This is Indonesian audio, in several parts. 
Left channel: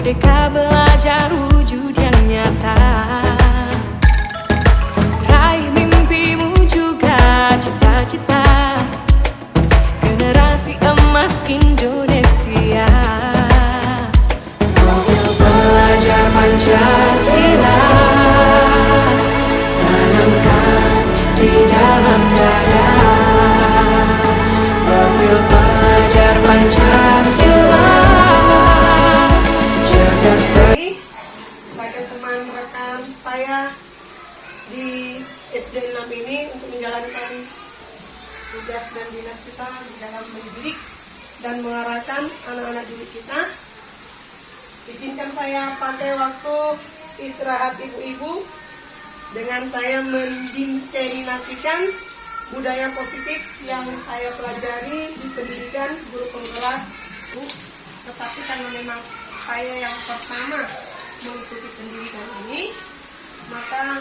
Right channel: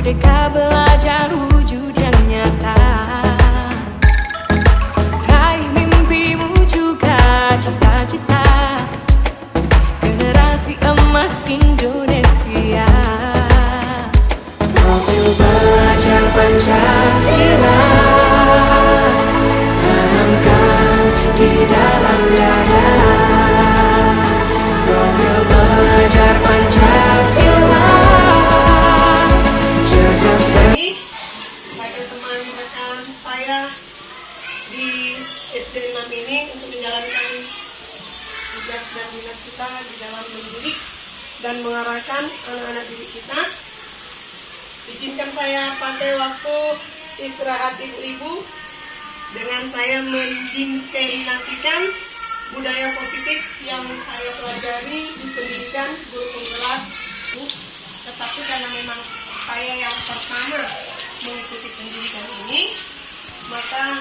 Merdeka belajar wujud yang nyata. Raih mimpimu juga cita-cita. Generasi emas Indonesia. Profil belajar Pancasila tanamkan di dalam dada. Profil belajar Pancasila cerdas sebagai teman rekan saya di SD 6 ini untuk menjalankan tugas dan dinas kita di dalam mendidik dan mengarahkan anak-anak didik kita. Izinkan saya pakai waktu istirahat ibu-ibu dengan saya mendiseminasikan budaya positif yang saya pelajari di pendidikan guru penggerak. Tetapi karena memang saya yang pertama mengikuti pendidikan ini, maka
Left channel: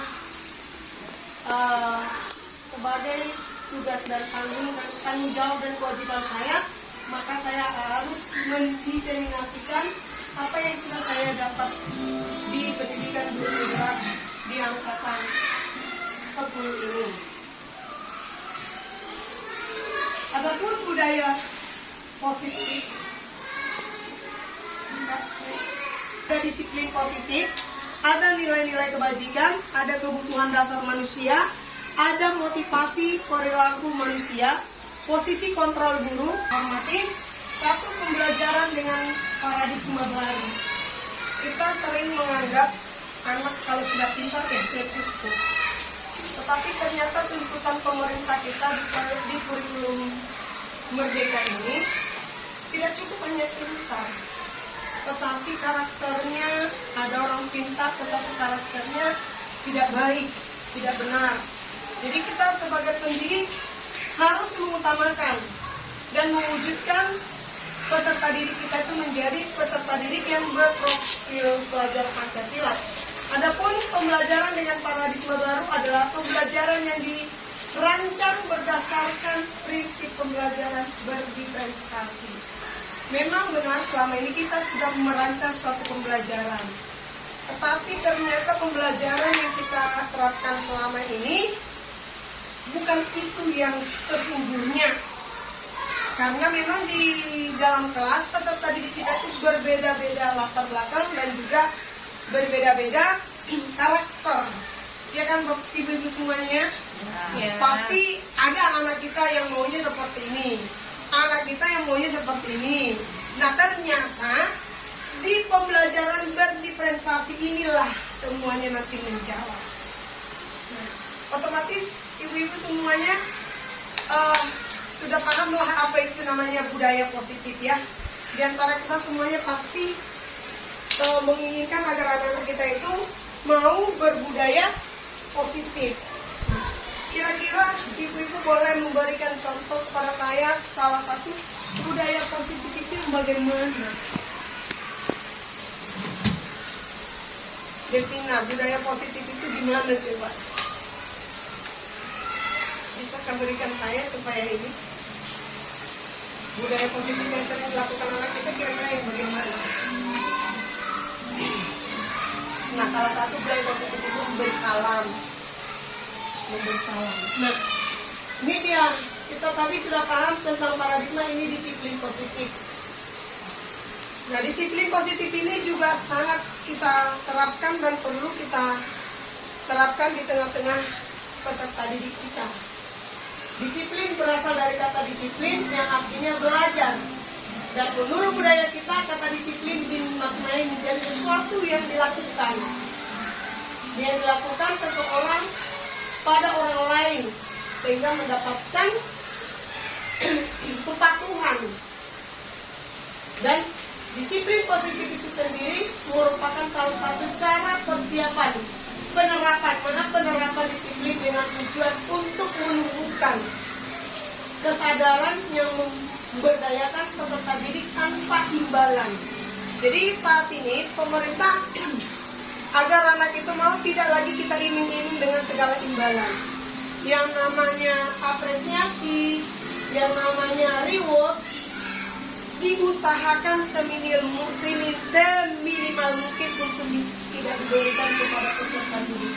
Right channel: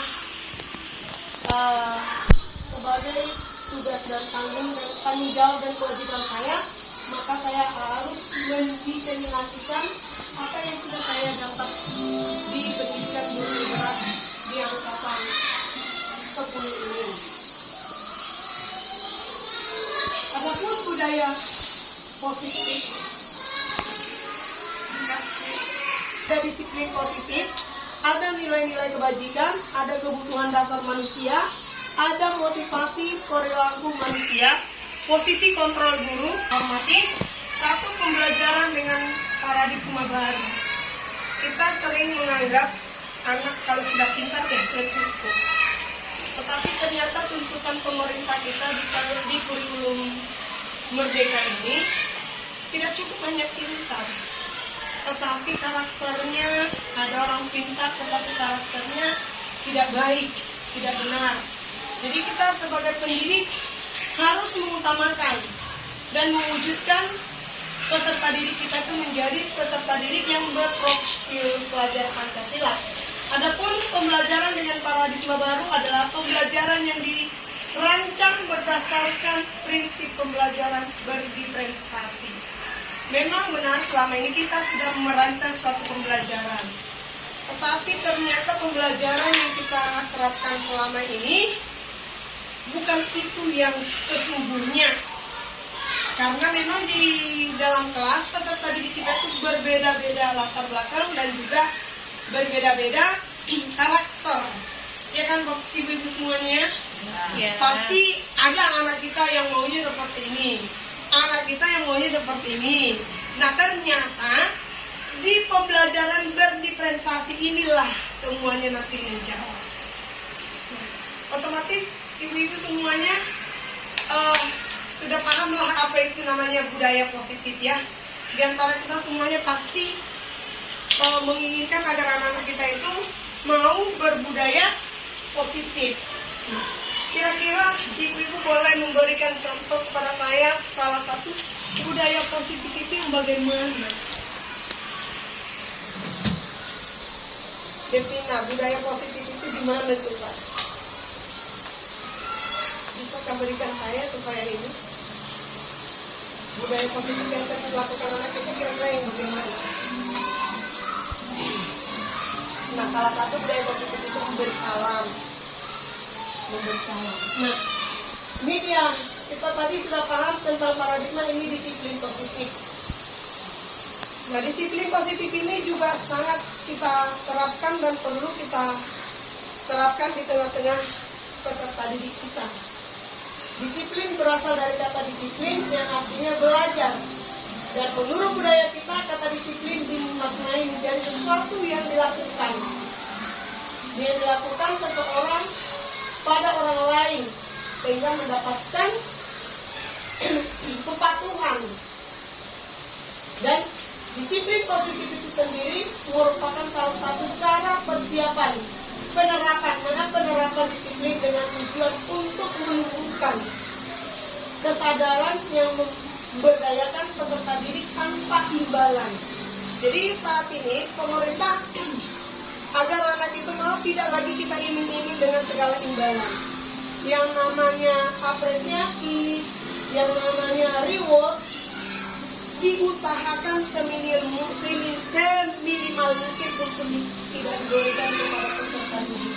sebagai tugas dan tanggung jawab dan kewajiban saya, maka saya harus mendiseminasikan apa yang sudah saya dapat di pendidikan guru penggerak di angkatan 10 ini. Adapun budaya positif, ada disiplin positif, ada nilai-nilai kebajikan, ada kebutuhan dasar manusia, ada motivasi perilaku manusia, posisi kontrol guru, hormati, satu pembelajaran dengan paradigma baru. Kita sering menganggap anak kalau sudah pintar ya sudah cukup. Tetapi ternyata tuntutan pemerintah kita di kurikulum Merdeka ini tidak cukup hanya pintar, tetapi karakternya, ada orang pintar tetapi karakternya tidak baik, tidak benar. Jadi kita sebagai pendidik harus mengutamakan dan mewujudkan peserta didik kita itu menjadi peserta didik yang berprofil pelajar Pancasila. Adapun pembelajaran dengan paradigma baru adalah pembelajaran yang dirancang berdasarkan prinsip pembelajaran berdiferensiasi. Memang benar selama ini kita sudah merancang suatu pembelajaran, tetapi ternyata pembelajaran yang kita terapkan selama ini bukan itu yang sesungguhnya. Karena memang di dalam kelas peserta didik kita itu berbeda-beda latar belakang dan juga berbeda-beda karakter. Ya kan ibu-ibu semuanya? Ya. Pasti ada anak kita yang maunya seperti ini, anak kita yang maunya seperti ini. Nah ternyata di pembelajaran berdiferensiasi inilah semuanya nanti menjawab. Nah, otomatis ibu-ibu semuanya sudah pahamlah apa itu namanya budaya positif ya. Di antara kita semuanya pasti menginginkan agar anak-anak kita itu mau berbudaya positif. Kira-kira ibu-ibu boleh memberikan contoh kepada saya salah satu budaya positif itu yang bagaimana? Devina, budaya positif itu gimana coba? Bisa berikan saya supaya ini budaya positif yang sering dilakukan anak kita kira-kira yang bagaimana? Nah, salah satu budaya positif itu memberi salam. Nah, ini dia. Kita tadi sudah paham tentang paradigma ini disiplin positif. Nah, disiplin positif ini juga sangat kita terapkan dan perlu kita terapkan di tengah-tengah peserta didik kita. Disiplin berasal dari kata disiplin yang artinya belajar. Dan menurut budaya kita, kata disiplin dimaknai menjadi sesuatu yang dilakukan. Yang dilakukan seseorang pada orang lain, sehingga mendapatkan kepatuhan. Dan disiplin positif itu sendiri merupakan salah satu cara persiapan penerapan disiplin dengan tujuan untuk menumbuhkan kesadaran yang memberdayakan peserta didik tanpa imbalan. Jadi saat ini pemerintah agar anak itu mau tidak lagi kita iming-iming dengan segala imbalan. Yang namanya apresiasi, yang namanya reward diusahakan seminimal semaksimal mungkin untuk tidak diberikan kepada peserta didik.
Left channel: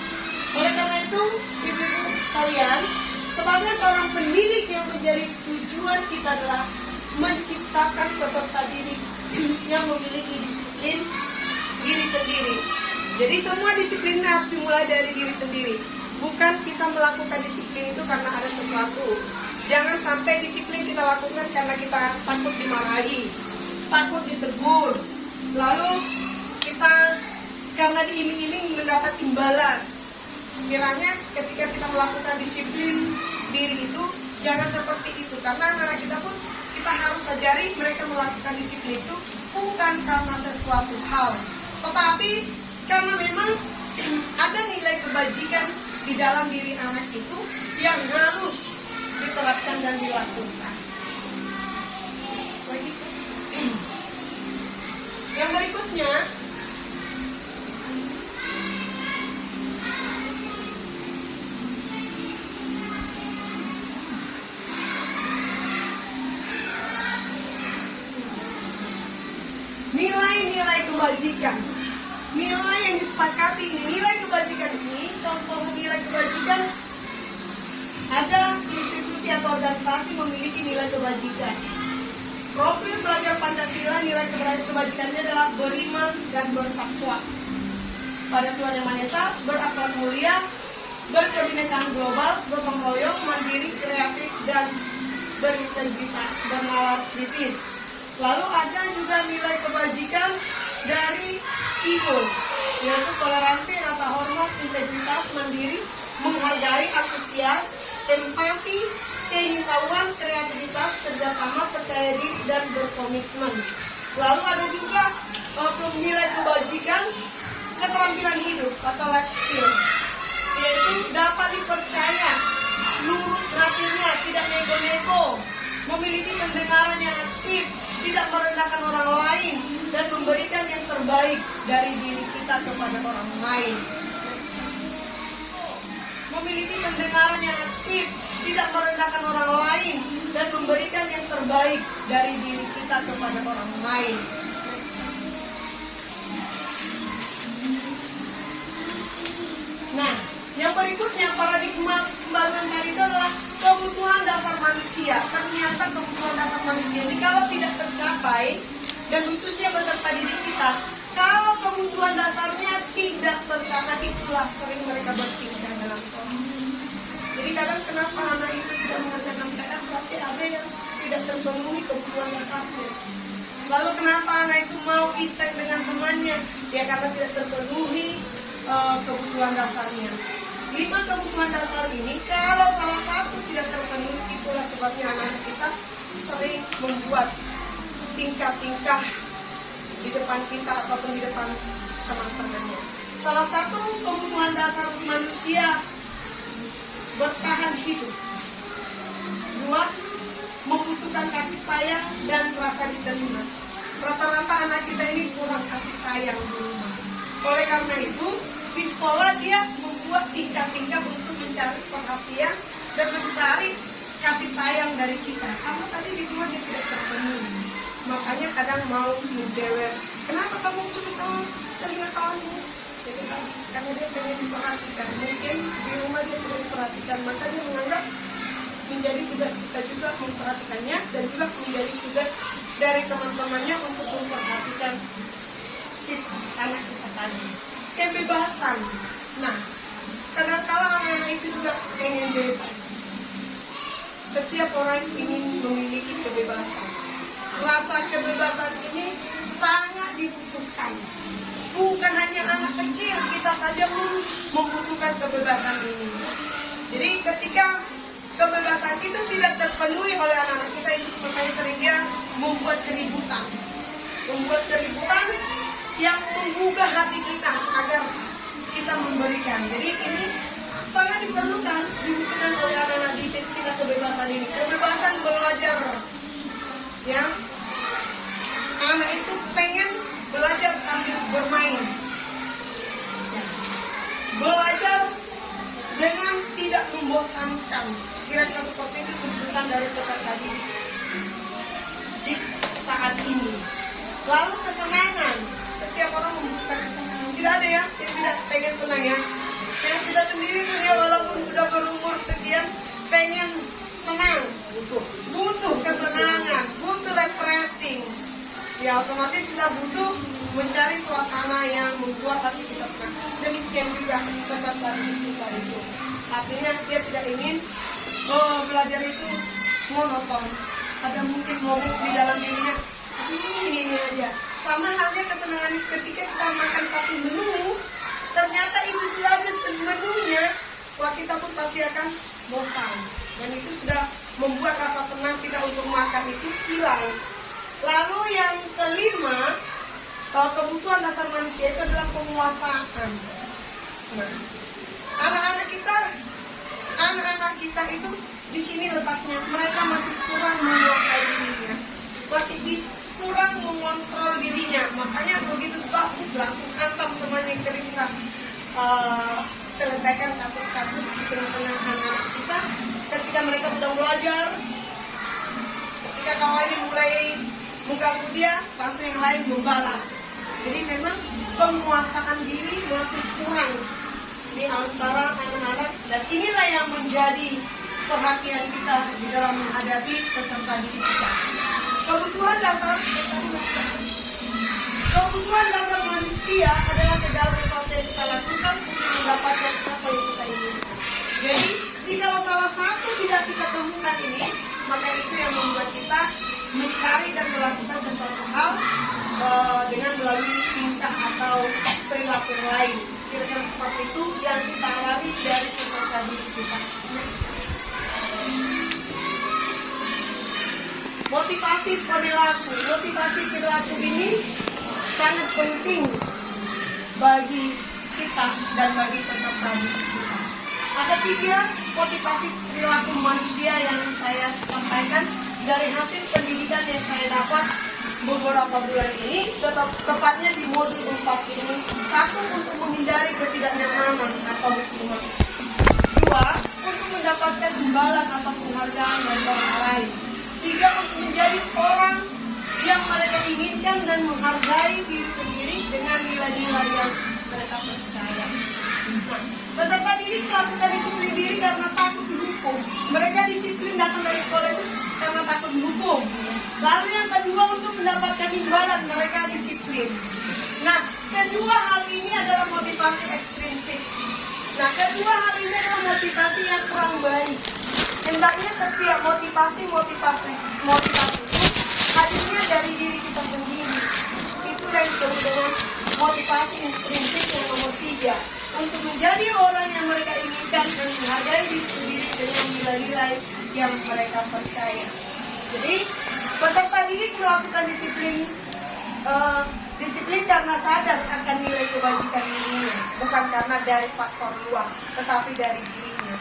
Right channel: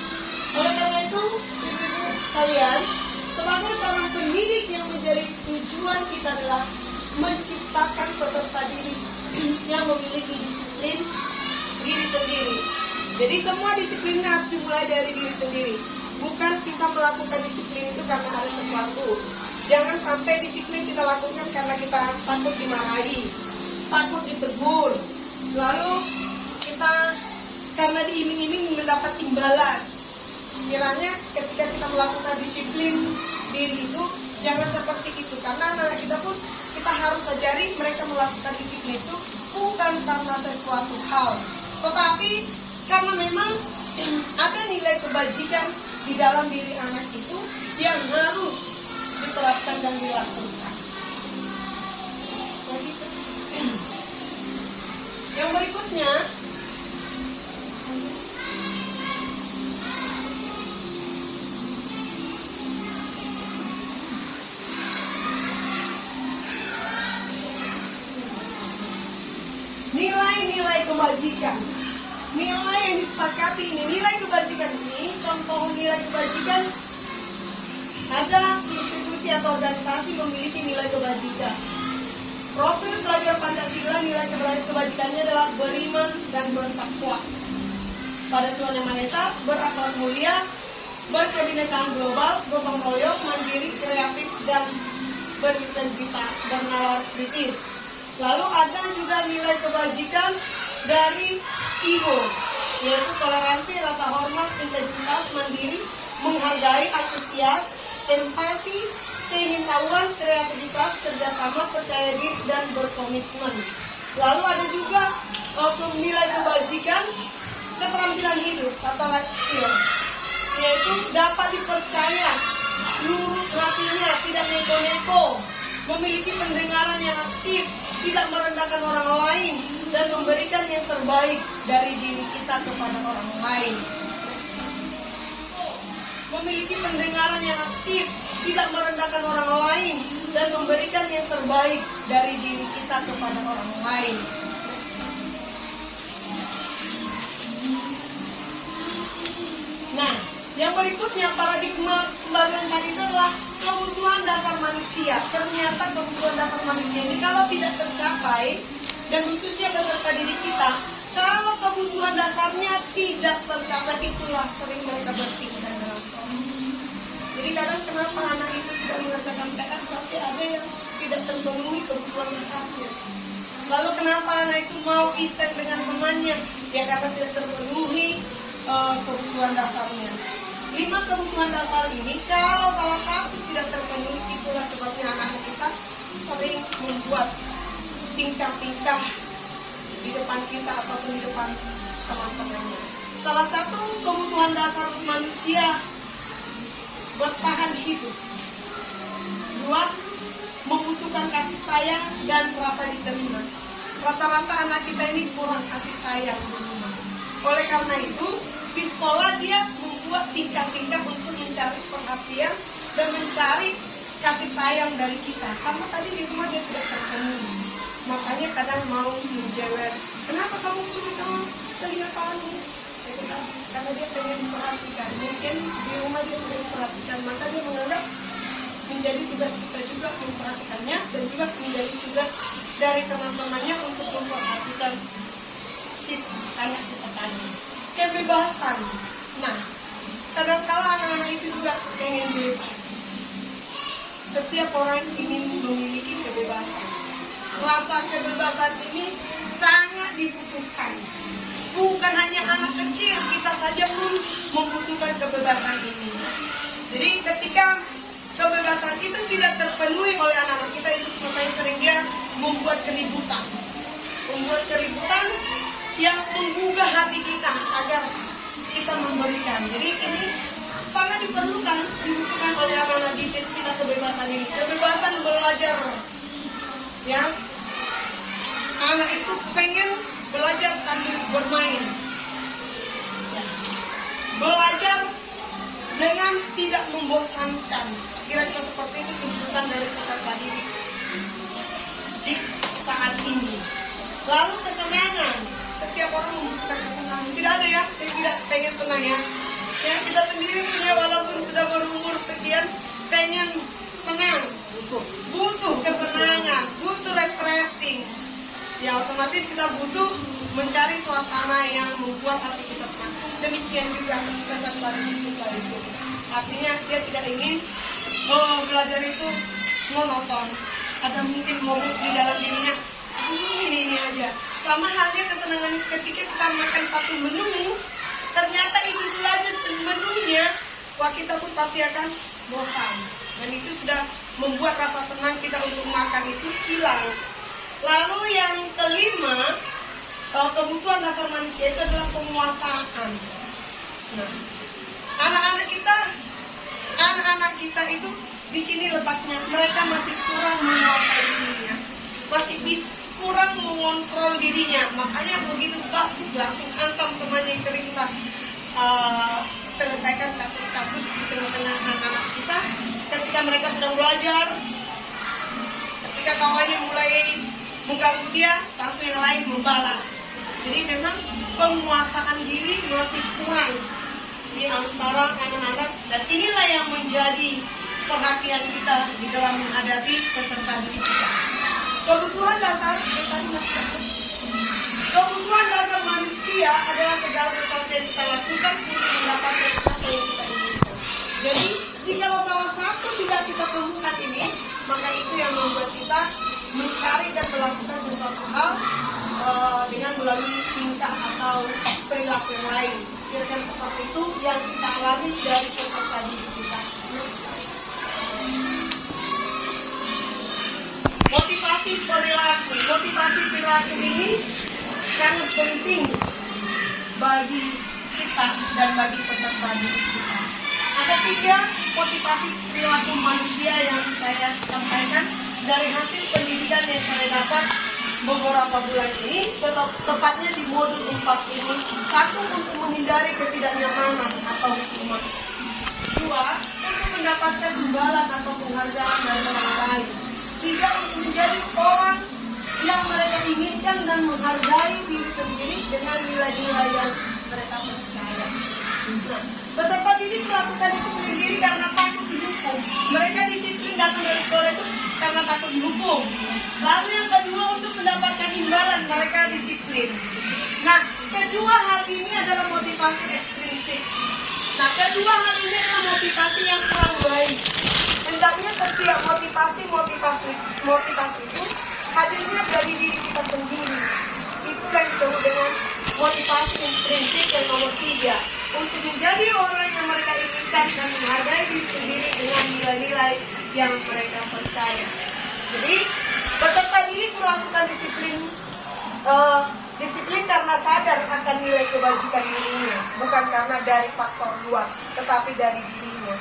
Oleh karena itu, ibu-ibu sekalian, sebagai seorang pendidik yang menjadi tujuan kita adalah menciptakan peserta didik yang memiliki disiplin diri sendiri. Jadi semua disiplin harus dimulai dari diri sendiri. Bukan kita melakukan disiplin itu karena ada sesuatu. Jangan sampai disiplin kita lakukan karena kita takut dimarahi, takut ditegur. Lalu kita karena diiming-iming mendapat imbalan. Kiranya ketika kita melakukan disiplin diri itu jangan seperti itu, karena anak kita pun kita harus ajari mereka melakukan disiplin itu bukan karena sesuatu hal, tetapi karena memang ada nilai kebajikan di dalam diri anak itu yang harus diterapkan dan dilakukan. Yang berikutnya, nilai-nilai kebajikan. Nilai yang disepakati ini, nilai kebajikan ini, contoh nilai kebajikan, ada institusi atau organisasi memiliki nilai kebajikan. Profil pelajar Pancasila, nilai kebajikannya adalah beriman dan bertakwa pada Tuhan Yang Maha Esa, berakhlak mulia, berkebinekaan global, gotong royong, mandiri, kreatif, dan berintegritas, bernalar kritis. Lalu ada juga nilai kebajikan dari IHO, yaitu toleransi, rasa hormat, integritas, mandiri, menghargai, antusias, empati, keingintahuan, kreativitas, kerjasama, percaya diri, dan berkomitmen. Lalu ada juga nilai kebajikan keterampilan hidup atau life skill, yaitu dapat dipercaya, lurus hatinya, tidak neko-neko, memiliki pendengaran yang aktif, tidak merendahkan orang lain, dan memberikan yang terbaik dari diri kita kepada orang lain. Memiliki pendengaran yang aktif, tidak merendahkan orang lain, dan memberikan yang terbaik dari diri kita kepada orang lain. Nah, yang berikutnya paradigma pembangunan tadi itu adalah kebutuhan dasar manusia. Ternyata kebutuhan dasar manusia ini kalau tidak tercapai, dan khususnya peserta didik kita, kalau kebutuhan dasarnya tidak tercapai, itulah sering mereka berpikiran dalam proses. Jadi kadang kenapa anak itu tidak mengerjakan PR, tapi ada yang tidak terpenuhi kebutuhan dasarnya. Lalu kenapa anak itu mau iseng dengan temannya? Ya karena tidak terpenuhi kebutuhan dasarnya. 5 kebutuhan dasar ini kalau salah satu tidak terpenuhi, itulah sebabnya anak-anak kita sering membuat tingkah-tingkah di depan kita ataupun di depan teman-temannya. Salah satu kebutuhan dasar manusia bertahan hidup. 2, membutuhkan kasih sayang dan rasa diterima. Rata-rata anak kita ini kurang kasih sayang di rumah. Oleh karena itu, di sekolah dia membuat tingkah-tingkah untuk mencari perhatian dan mencari kasih sayang dari kita. Karena tadi di rumah dia tidak terpenuhi. Makanya kadang mau menjewer, kenapa kamu cuma telinga kamu? Gitu kan? Karena dia pengen diperhatikan. Mungkin di rumah dia tidak diperhatikan, maka dia menganggap menjadi tugas kita juga memperhatikannya, dan juga menjadi tugas dari teman-temannya untuk memperhatikan si anak kita tadi. Kebebasan. Nah, kadang-kala anak-anak itu juga pengen bebas. Setiap orang ingin memiliki kebebasan. Rasa kebebasan ini sangat dibutuhkan. Bukan hanya anak kecil, kita saja pun membutuhkan kebebasan ini. Jadi ketika kebebasan itu tidak terpenuhi oleh anak-anak kita, itu sebetulnya sering dia membuat keributan. Membuat keributan yang menggugah hati kita agar kita memberikan. Jadi ini sangat dibutuhkan oleh anak-anak didik kita kebebasan ini. Kebebasan belajar. Ya, anak itu pengen belajar sambil bermain. Belajar dengan tidak membosankan. Kira-kira seperti itu tuntutan dari peserta didik di saat ini. Lalu kesenangan. Setiap orang membutuhkan senang ya. Yang kita sendiri punya walaupun sudah berumur sekian, pengen senang, butuh kesenangan, butuh refreshing. Ya otomatis kita butuh mencari suasana yang membuat hati kita senang. Demikian juga kesatuan kita itu. Artinya dia tidak ingin belajar itu monoton. Ada mungkin momen di dalam dirinya, ini aja. Sama halnya kesenangan ketika kita makan satu menu, ternyata itu dulu aja menunya, wah kita pun pasti akan bosan. Dan itu sudah membuat rasa senang kita untuk makan itu hilang. Lalu yang kelima, kebutuhan dasar manusia itu adalah penguasaan. Nah, anak-anak kita itu di sini letaknya, mereka masih kurang menguasai dirinya, masih kurang mengontrol dirinya. Makanya begitu bagus langsung hantam teman yang sering kita selesaikan kasus-kasus di tengah-tengah anak-anak kita ketika mereka sedang belajar. Ketika kawannya mulai mengganggu dia, langsung yang lain membalas. Jadi memang penguasaan diri masih kurang di antara anak-anak, dan inilah yang menjadi perhatian kita di dalam menghadapi peserta didik kita. Kebutuhan dasar manusia adalah segala sesuatu yang kita lakukan untuk mendapatkan apa yang kita inginkan. Jadi jika salah satu tidak kita temukan ini, maka itu yang membuat kita mencari dan melakukan sesuatu hal dengan melalui tingkah atau perilaku yang lain. Kira-kira seperti itu yang kita alami dari peserta didik kita. Motivasi perilaku ini sangat penting bagi kita dan bagi peserta didik kita. Ada 3 motivasi perilaku manusia yang saya sampaikan dari hasil pendidikan yang saya dapat beberapa bulan ini, tepatnya di modul 4 ini. 1, untuk menghindari ketidaknyamanan atau hukuman. 2, untuk mendapatkan imbalan atau penghargaan dari orang lain. 3, untuk menjadi orang yang mereka inginkan dan menghargai diri sendiri dengan nilai-nilai yang mereka percaya. Peserta didik melakukan disiplin diri karena takut dihukum. Mereka disiplin datang dari sekolah itu karena takut dihukum. Lalu yang kedua, untuk mendapatkan imbalan, mereka disiplin. Nah, kedua hal ini adalah motivasi ekstrinsik. Nah, kedua hal ini adalah motivasi yang kurang baik. Hendaknya setiap motivasi itu hadirnya dari diri kita sendiri. Itu yang disebut dengan motivasi intrinsik yang nomor 3. Untuk menjadi orang yang mereka inginkan dan menghargai diri sendiri dengan nilai-nilai yang mereka percaya. Jadi, peserta didik melakukan disiplin karena sadar akan nilai kewajiban dirinya, bukan karena dari faktor luar, tetapi dari dirinya.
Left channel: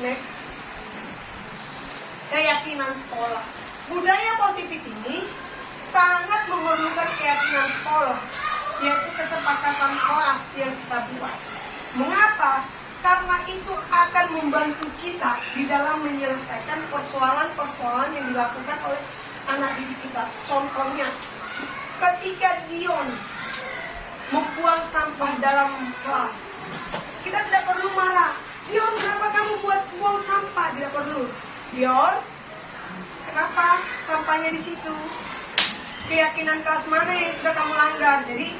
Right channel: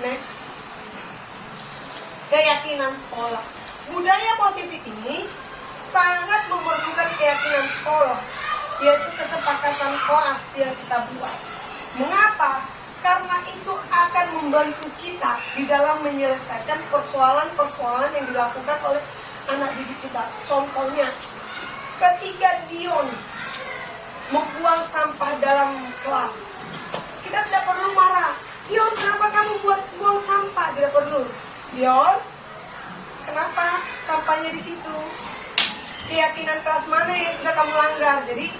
Next. Keyakinan sekolah. Budaya positif ini sangat memerlukan keyakinan sekolah, yaitu kesepakatan kelas yang kita buat. Mengapa? Karena itu akan membantu kita di dalam menyelesaikan persoalan-persoalan yang dilakukan oleh anak didik kita. Contohnya, ketika Dion membuang sampah dalam kelas, kita tidak perlu marah. Dion, kenapa kamu buang sampah? Tidak perlu. Dion, kenapa sampahnya di situ? Keyakinan kelas mana yang sudah kamu langgar? Jadi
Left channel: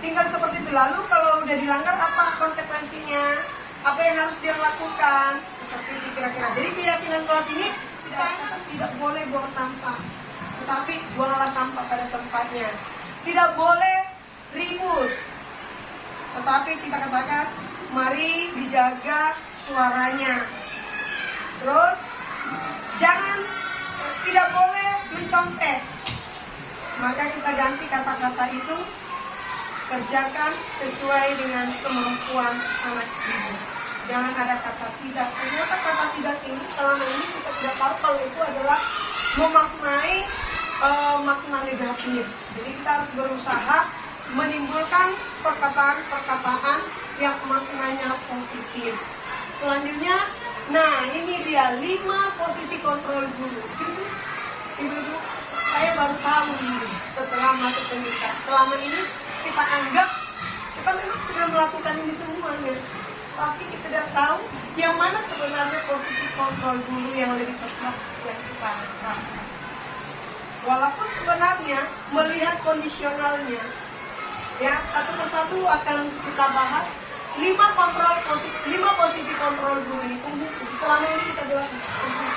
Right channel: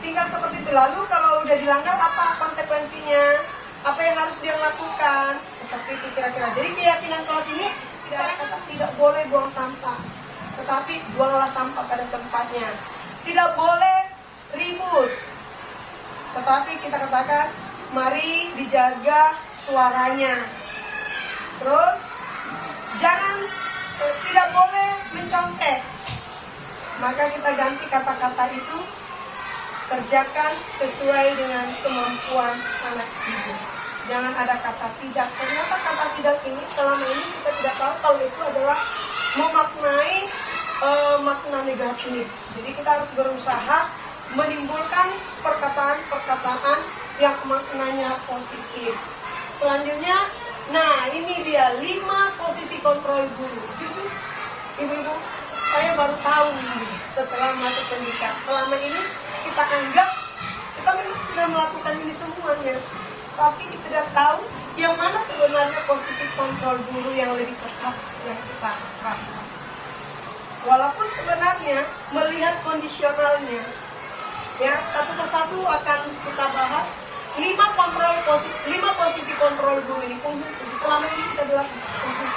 tinggal seperti itu. Lalu kalau udah dilanggar, apa konsekuensinya? Apa yang harus dia lakukan? Seperti itu kira-kira. Jadi keyakinan kelas ini tidak boleh buang sampah, tetapi buanglah sampah pada tempatnya. Tidak boleh ribut, tetapi kita katakan mari dijaga suaranya. Terus tidak boleh mencontek, maka kita ganti kata-kata itu, kerjakan sesuai dengan kemampuan anak didik. Jangan ada kata tidak. Ternyata kata tidak ini selama ini kita tidak tahu kalau itu adalah memaknai makna negatif. Jadi kita harus berusaha menimbulkan perkataan-perkataan yang maknanya positif. Selanjutnya, nah ini dia 5 posisi kontrol guru. Jujur, ibu-ibu, saya baru tahu ini setelah masuk pendidikan. Selama ini kita anggap kita memang sudah melakukan ini semuanya, tapi kita tidak tahu yang mana sebenarnya posisi kontrol guru yang lebih tepat yang kita lakukan. Walaupun sebenarnya melihat kondisionalnya, ya satu persatu akan kita bahas 5 posisi kontrol guru ini penghukum. Selama ini kita bilang penghukum.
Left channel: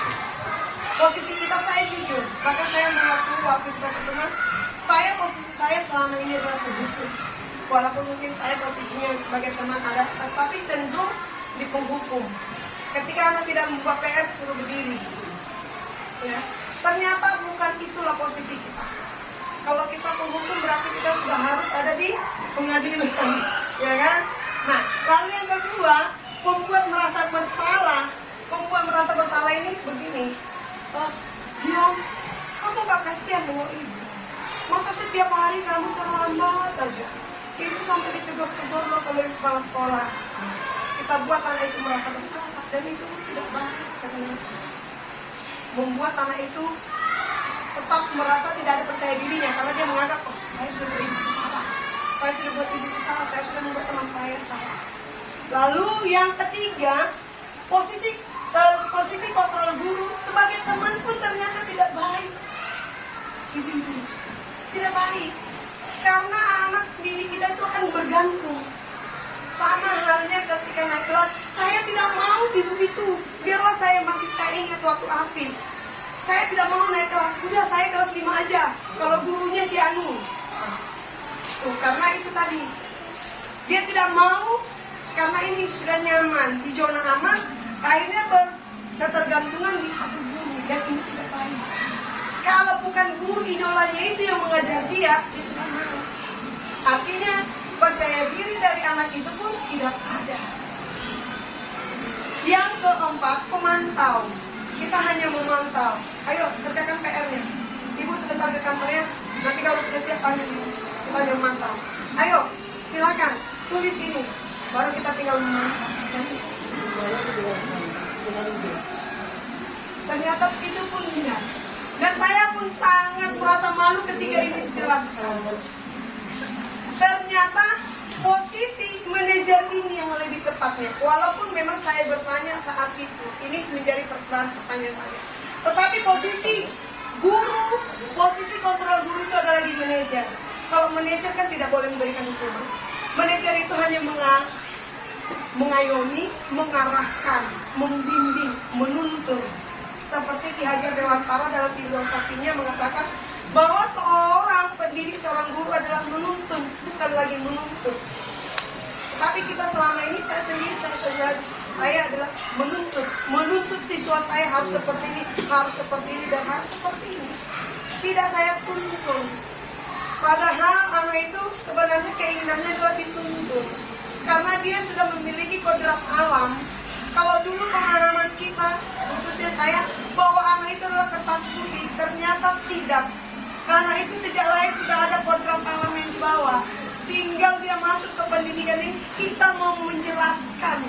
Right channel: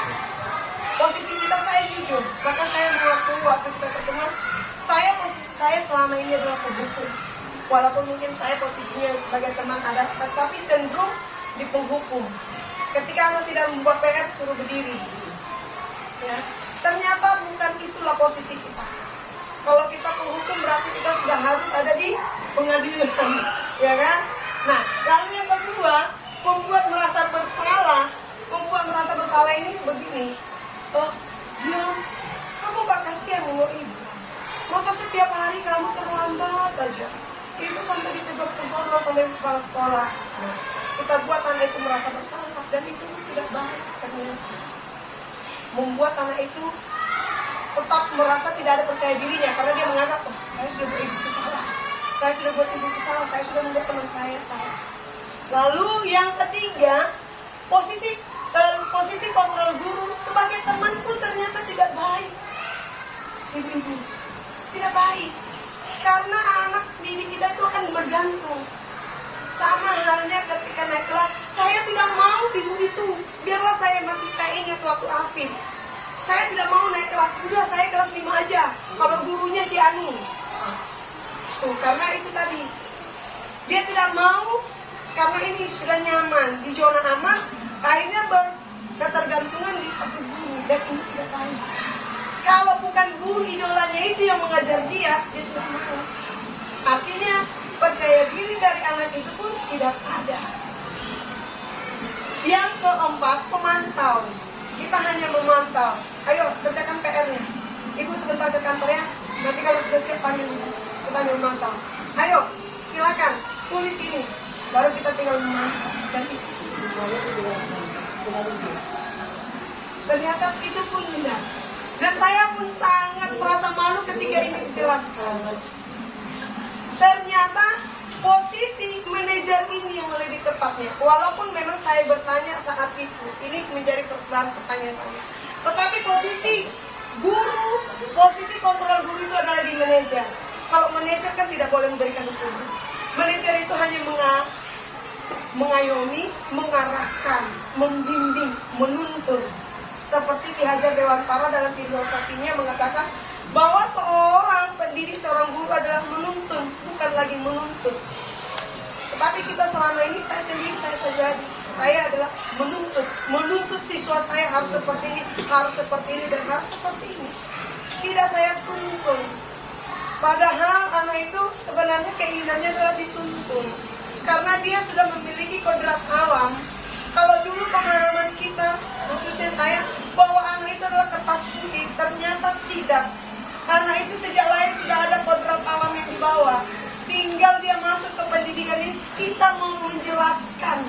Posisi kita, saya jujur, bahkan saya mengaku waktu kita ketemu, posisi saya selama ini adalah penghukum. Walaupun mungkin saya posisinya sebagai teman ada, tetapi cenderung di penghukum. Ketika Anda tidak membuat PR, suruh berdiri. Ya, ternyata bukan itulah posisi kita. Kalau kita penghukum berarti kita sudah harus ada di pengadilan, ya kan? Nah, lalu yang kedua, membuat merasa bersalah ini begini. Oh, dia, kamu gak kasihan dengan ibu. Masa setiap hari kamu terlambat aja. Ibu sampai ditegur-tegur oleh kepala sekolah. Kita buat anak itu merasa bersalah, dan itu tidak baik. Membuat anak itu tetap merasa tidak ada percaya dirinya karena dia menganggap, oh, saya sudah buat ibu salah, saya sudah buat ibu salah, saya sudah membuat teman saya salah. Lalu yang ketiga, posisi kontrol guru sebagai teman pun ternyata tidak baik. Ibu-ibu tidak baik karena anak didik kita itu akan bergantung. Sama halnya ketika naik kelas, saya tidak mau ibu itu. Biarlah saya ingat waktu Afif. Saya tidak mau naik kelas, udah saya kelas 5 aja. Kalau gurunya si Anu. Tuh, karena itu tadi. Dia tidak mau, karena ini sudah nyaman, di zona aman, akhirnya berketergantungan di satu guru. Dan ini tidak baik. Kalau bukan guru idolanya itu yang mengajar dia tidak mau. Artinya, percaya diri dari anak itu pun tidak ada. Yang keempat, pemantau. Kita hanya memantau. Ayo, kerjakan PR-nya. Ibu sebentar ke kantornya. Nanti kalau sudah siap panggil ibu. Kita hanya memantau. Ayo, silakan tulis ini. Baru kita tinggal memantau. Ternyata itu pun tidak. Dan saya pun sangat merasa malu ketika ini dijelaskan. Ternyata posisi manajer ini yang lebih tepatnya. Walaupun memang saya bertanya saat itu, ini menjadi pertanyaan saya. Tetapi posisi guru, posisi kontrol guru itu adalah di manajer. Kalau manajer kan tidak boleh memberikan hukuman. Manajer itu hanya mengayomi, mengarahkan, membimbing, menuntun. Seperti Ki Hajar Dewantara dalam filosofinya mengatakan bahwa seorang pendidik, seorang guru adalah menuntun, bukan lagi menuntut. Tetapi kita selama ini, saya adalah menuntut siswa saya harus seperti ini, dan harus seperti ini. Tidak saya tuntun. Padahal anak itu sebenarnya keinginannya adalah dituntun. Karena dia sudah memiliki kodrat alam. Kalau dulu pengalaman kita, khususnya saya, bahwa anak itu adalah kertas putih, ternyata tidak. Anak itu sejak lahir sudah ada kodrat alam yang dibawa. Tinggal dia masuk ke pendidikan ini, kita mau menjelaskan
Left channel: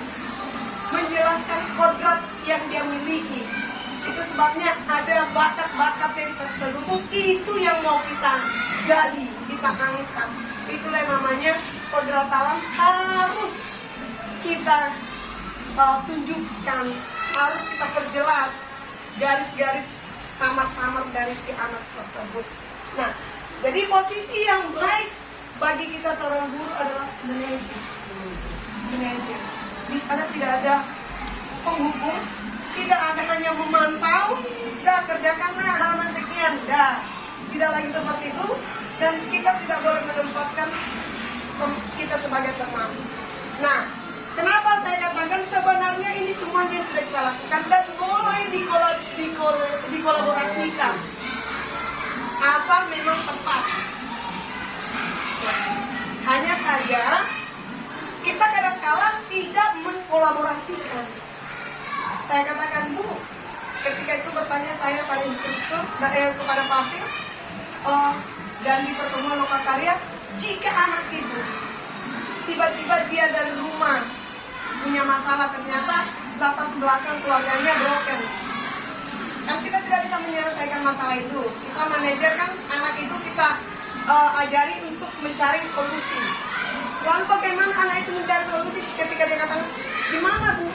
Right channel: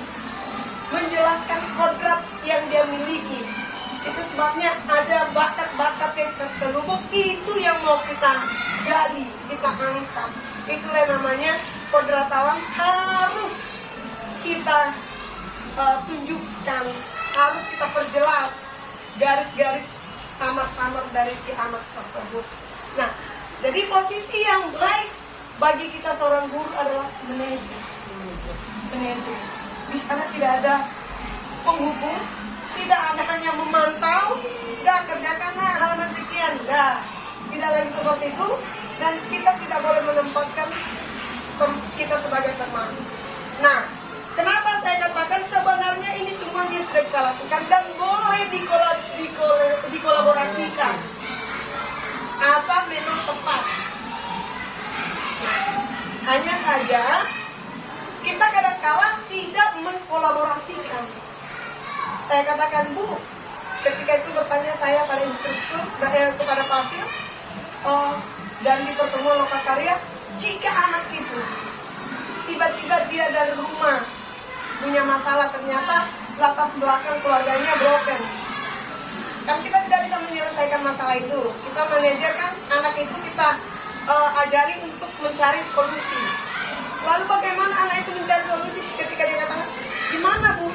kodrat yang dia miliki. Itu sebabnya ada bakat-bakat yang terselubung, itu yang mau kita gali, kita angkat. Itulah namanya kodrat alam harus kita tunjukkan, harus kita perjelas garis-garis samar-samar dari si anak tersebut. Nah, jadi posisi yang baik bagi kita seorang guru adalah manajer. Di sana tidak ada penghubung, tidak ada hanya memantau, dah kerjakanlah halaman sekian, dah. Tidak lagi seperti itu, dan kita tidak boleh menempatkan kita sebagai teman. Nah, kenapa saya katakan sebenarnya ini semuanya sudah kita lakukan dan boleh dikolaborasikan. Asal memang tepat. Hanya saja kita kadang-kala tidak mengkolaborasikan. Saya katakan, Bu, ketika itu bertanya saya pada instruktur kepada pasir dan di pertemuan lokakarya, jika anak itu tiba-tiba dia dari rumah punya masalah, ternyata latar belakang keluarganya broken, kan kita tidak bisa menyelesaikan masalah itu. Kita manajer kan anak itu kita ajari untuk mencari solusi. Lalu bagaimana anak itu mencari solusi ketika dia katakan, gimana Bu?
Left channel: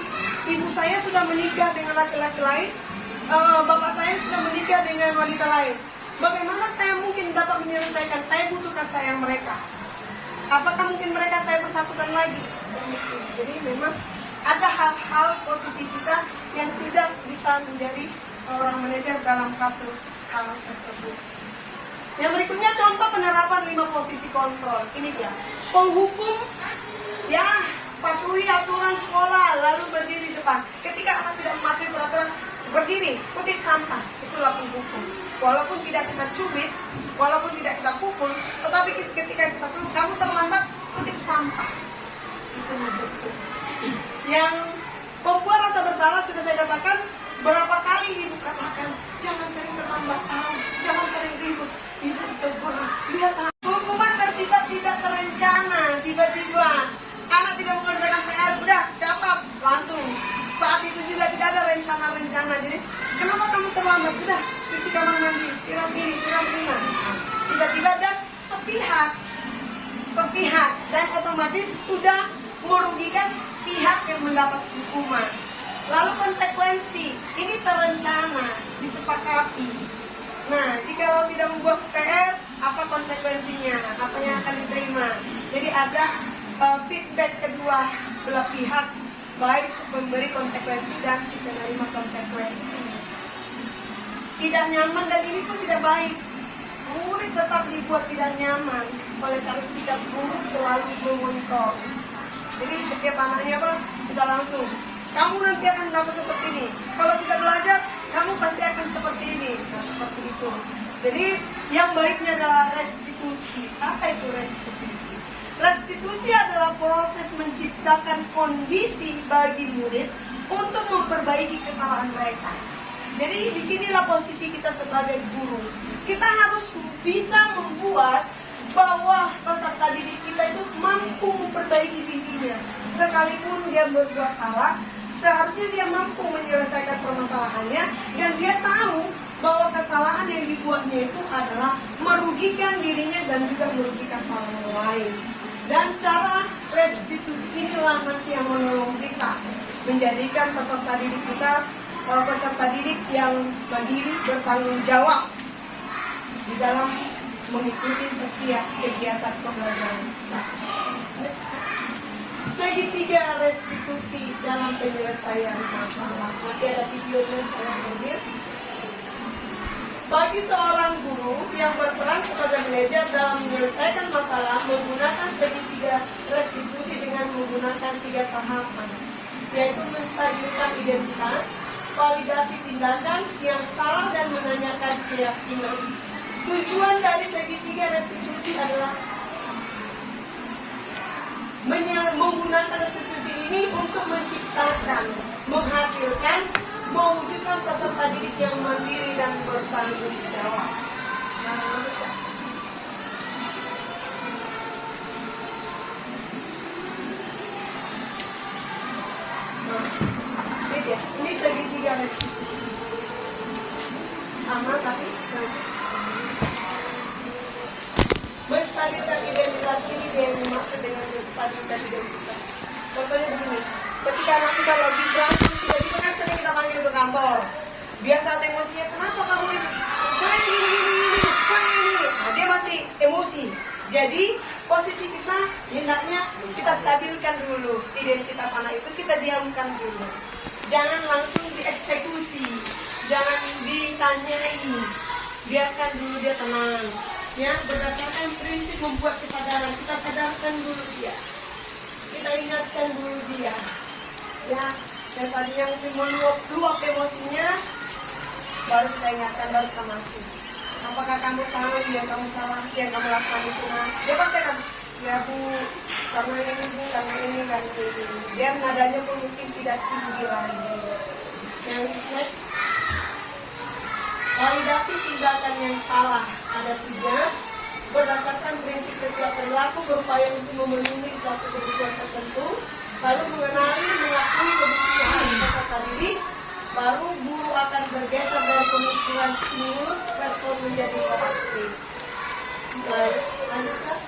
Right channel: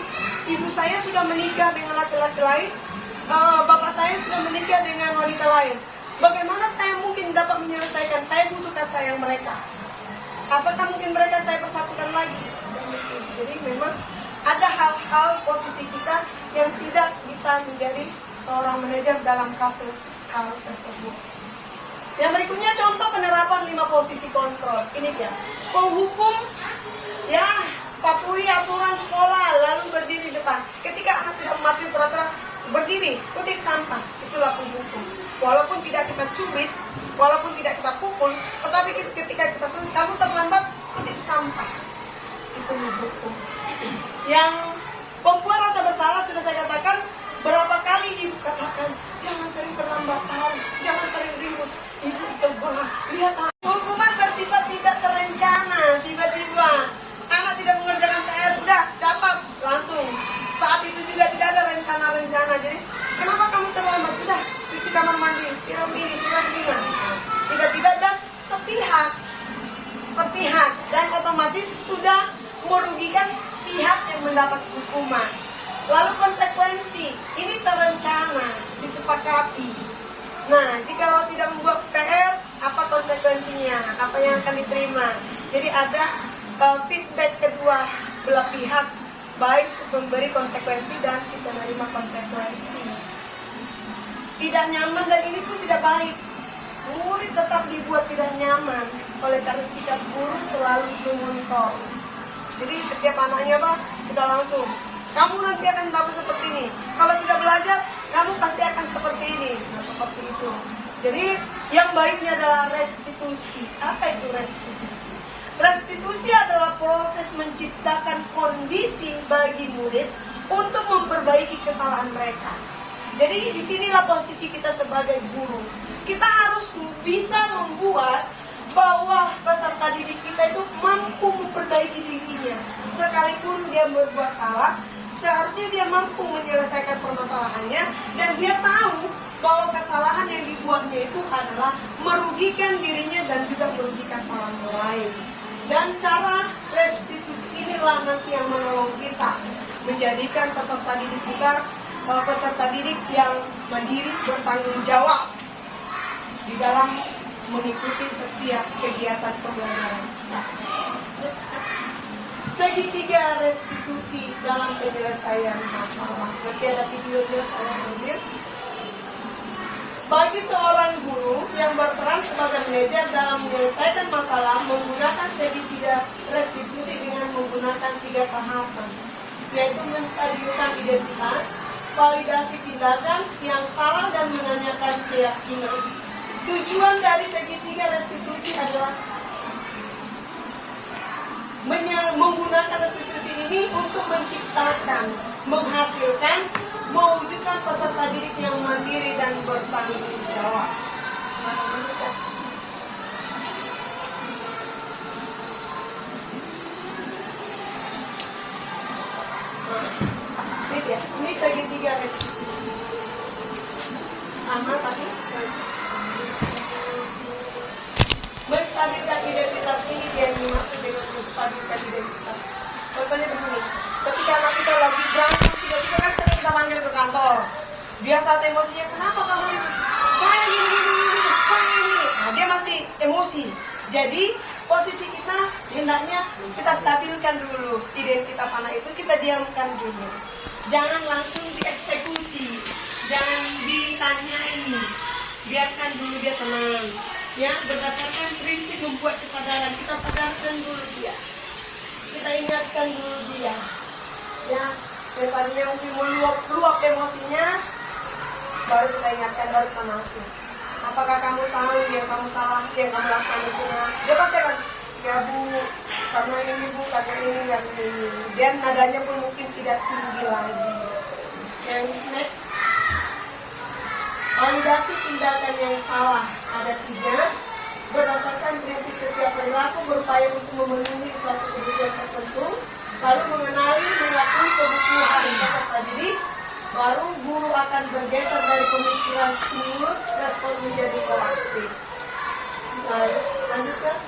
Ibu saya sudah menikah dengan laki-laki lain, bapak saya sudah menikah dengan wanita lain. Bagaimana saya mungkin dapat menyelesaikan? Saya butuh kasih sayang mereka. Apakah mungkin mereka saya persatukan lagi? Jadi memang ada hal-hal posisi kita yang tidak bisa menjadi seorang manajer dalam kasus hal tersebut. Yang berikutnya contoh penerapan 5 posisi kontrol. Ini dia. Penghukum, ya, patuhi aturan sekolah, lalu berdiri di depan. Ketika anak tidak mematuhi peraturan, berdiri, kutip sampah. Itulah penghukum. Walaupun tidak kita cubit, walaupun tidak kita pukul, tetapi ketika kita suruh, kamu terlambat, kutip sampah. Itu menghukum. Yang pembuat rasa bersalah sudah saya katakan, berapa kali ibu katakan, jangan sering keterlambatan, jangan sering ribut. Ibu terbang, lihat. Hukuman bersifat tidak terencana, tiba-tiba anak tidak mengerjakan PR, udah catat langsung. Saat itu juga tidak ada rencana-rencana. Jadi kenapa kamu terlambat? Udah cuci kamar mandi, siram ini, siram ini. Tiba-tiba dan sepihak dan otomatis sudah merugikan pihak yang mendapat hukuman. Lalu konsekuensi ini terencana, disepakati. Nah, jika tidak membuat PR, apa konsekuensinya? Apa yang akan diterima? Jadi ada feedback kedua belah pihak, baik si pemberi konsekuensi dan si penerima konsekuensi. Tidak nyaman dan ini pun tidak baik. Murid tetap dibuat tidak nyaman oleh karena sikap guru selalu memonitor. Jadi setiap anaknya sudah langsung, kamu nanti akan dapat seperti ini. Kalau tidak belajar, kamu pasti akan seperti ini. Nah, seperti itu. Jadi yang baiknya adalah restitusi. Apa itu restitusi? Restitusi adalah proses menciptakan kondisi bagi murid untuk memperbaiki kesalahan mereka. Jadi disinilah posisi kita sebagai guru. Kita harus bisa membuat bahwa peserta didik kita itu mampu memperbaiki dirinya. Sekalipun dia berbuat salah, seharusnya dia mampu menyelesaikan permasalahannya dan dia tahu bahwa kesalahan yang dibuatnya itu adalah merugikan dirinya dan juga merugikan orang lain. Dan cara restitusi inilah nanti yang menolong kita menjadikan peserta didik kita peserta didik yang mandiri, bertanggung jawab di dalam mengikuti setiap kegiatan pembelajaran. Segitiga restitusi dalam penyelesaian masalah. Nanti ada videonya saya ambil. Bagi seorang guru yang berperan sebagai manajer dalam menyelesaikan masalah menggunakan segitiga restitusi dengan menggunakan 3 tahapan, yaitu menstabilkan identitas, validasi tindakan yang salah dan menanyakan keyakinan. Tujuan dari segitiga restitusi adalah menggunakan restitusi ini untuk menciptakan, menghasilkan, mewujudkan peserta didik yang mandiri dan bertanggung jawab. Ini segitiga restitusi. Sama tapi menstabilkan identitas ini dia yang dimaksud dengan menstabilkan identitas. Contohnya begini, ketika anak kita lagi berantem, tiba-tiba kan sering kita panggil ke kantor. Dia saat emosinya, kenapa kamu itu? Saya ini. Nah, dia masih emosi. Jadi posisi kita hendaknya kita stabilkan dulu identitas anak itu, kita diamkan dulu. Jangan langsung dieksekusi, jangan ditanyai, biarkan dulu dia tenang. Ya, berdasarkan prinsip membuat kesadaran, kita sadarkan dulu dia, kita ingatkan dulu dia. Ya, daripada yang meluap emosinya, baru kita ingatkan, baru kita masuk. Apakah kamu tahu yang kamu salah, yang kamu lakukan itu? Dia pasti akan, ya Bu, karena ini Bu, karena ini. Dan nadanya pun mungkin tidak tinggi lagi. Okay, next. Validasi tindakan yang salah ada 3. Berdasarkan prinsip setiap perilaku berupaya untuk memenuhi suatu kebutuhan tertentu, lalu mengenali, mengakui kebutuhan peserta didik, baru guru akan bergeser dari pemikiran stimulus respon menjadi proaktif. Lanjutkan.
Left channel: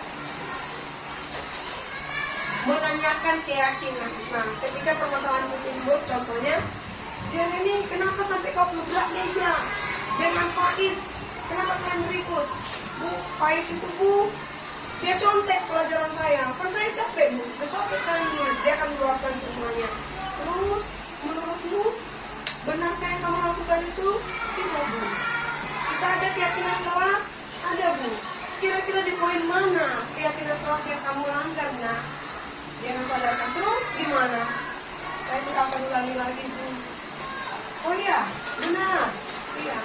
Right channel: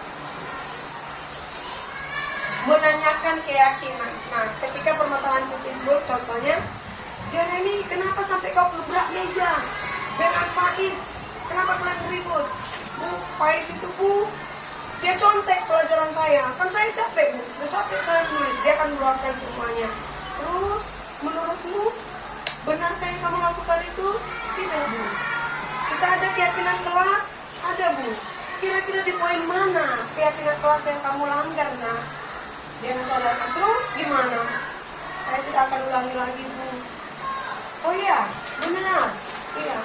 menanyakan keyakinan. Nah, ketika permasalahan itu timbul, contohnya, Jeremy, kenapa sampai kau gebrak meja dengan Faiz? Kenapa kalian berikut? Bu, Faiz itu bu, dia contek pelajaran saya. Kan saya capek bu, capek saya menulis. Dia akan meluapkan semuanya. Terus, menurutmu, benarkah yang kamu lakukan itu? Tidak bu. Kita ada keyakinan kelas? Ada bu. Kira-kira di poin mana keyakinan kelas yang kamu langgar? Nah, dia mengatakan, terus gimana? Saya tidak akan ulangi lagi bu. Oh iya, benar. Iya.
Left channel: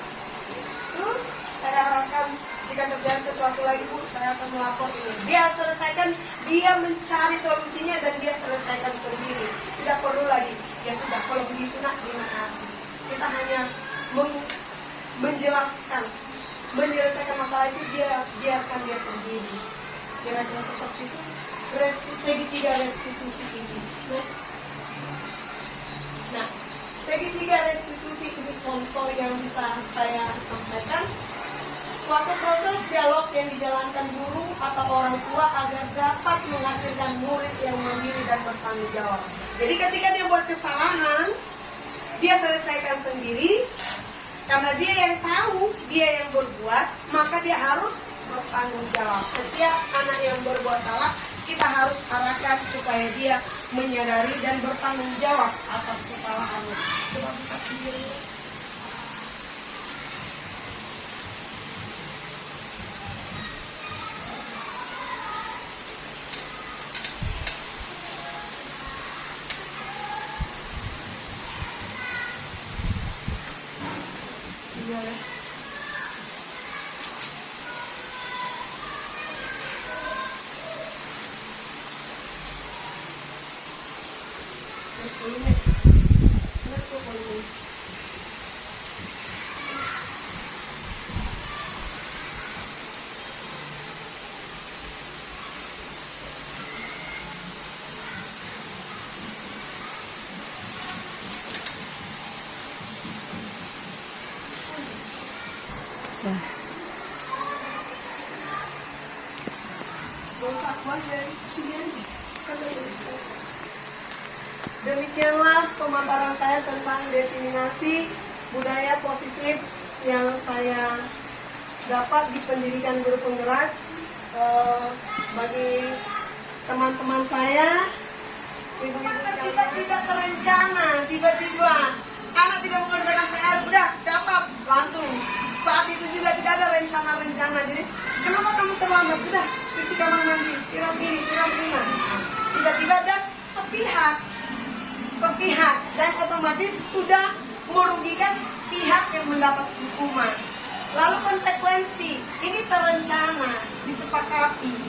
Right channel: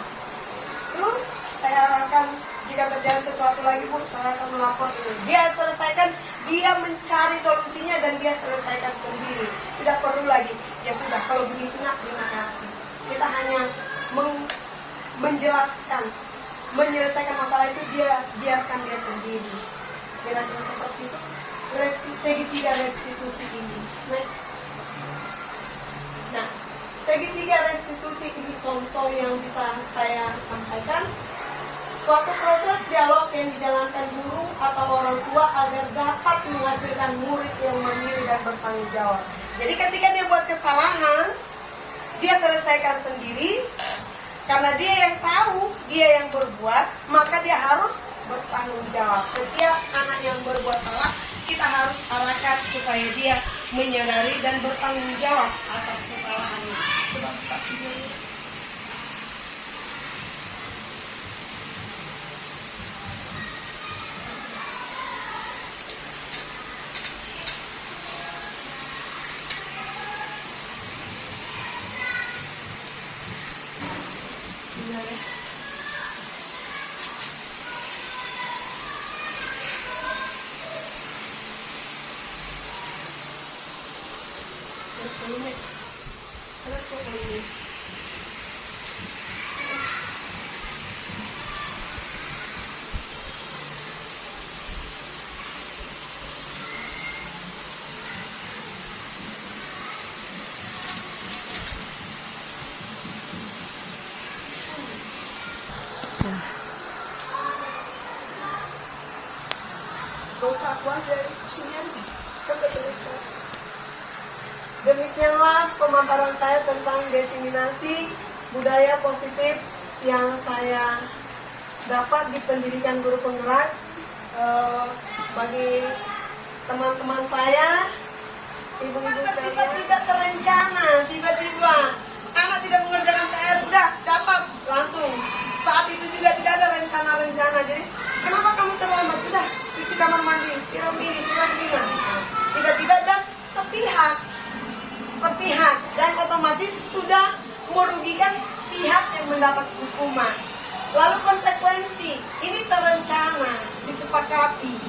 Terus saya arahkan jika terjadi sesuatu lagi bu, saya akan melapor ini. Dia selesaikan, dia mencari solusinya dan dia selesaikan sendiri. Tidak perlu lagi. Ya sudah, kalau begitu nak, terima kasih. Kita hanya menjelaskan, menyelesaikan masalah itu, dia biarkan dia sendiri. Kira-kira seperti itu. Segitiga restitusi ini. Next. Nah, segitiga restitusi itu contoh yang bisa saya sampaikan. Suatu proses dialog yang dijalankan guru atau orang tua agar dapat menghasilkan murid yang memilih dan bertanggung jawab. Jadi ketika dia buat kesalahan, dia selesaikan sendiri. Karena dia yang tahu, dia yang berbuat, maka dia harus bertanggung jawab. Setiap anak yang berbuat salah, kita harus arahkan supaya dia menyadari dan bertanggung jawab atas kesalahannya. Coba buka video. Iya ya. Dosa kuat dari sini aja. Demikianlah pemaparan saya tentang diseminasi budaya positif yang saya dapat di pendidikan guru penggerak. Bagi teman-teman saya, ibu-ibu saya tidak terencana, tiba-tiba anak tidak mengerjakan PR, udah catat langsung. Saat itu juga tidak ada rencana-rencana. Jadi kenapa kamu terlambat? Udah cuci kamar mandi, siram ini, siram ini. Tiba-tiba ada sepihak, dan otomatis sudah merugikan pihak yang mendapat hukuman. Lalu konsekuensi, ini terencana, disepakati.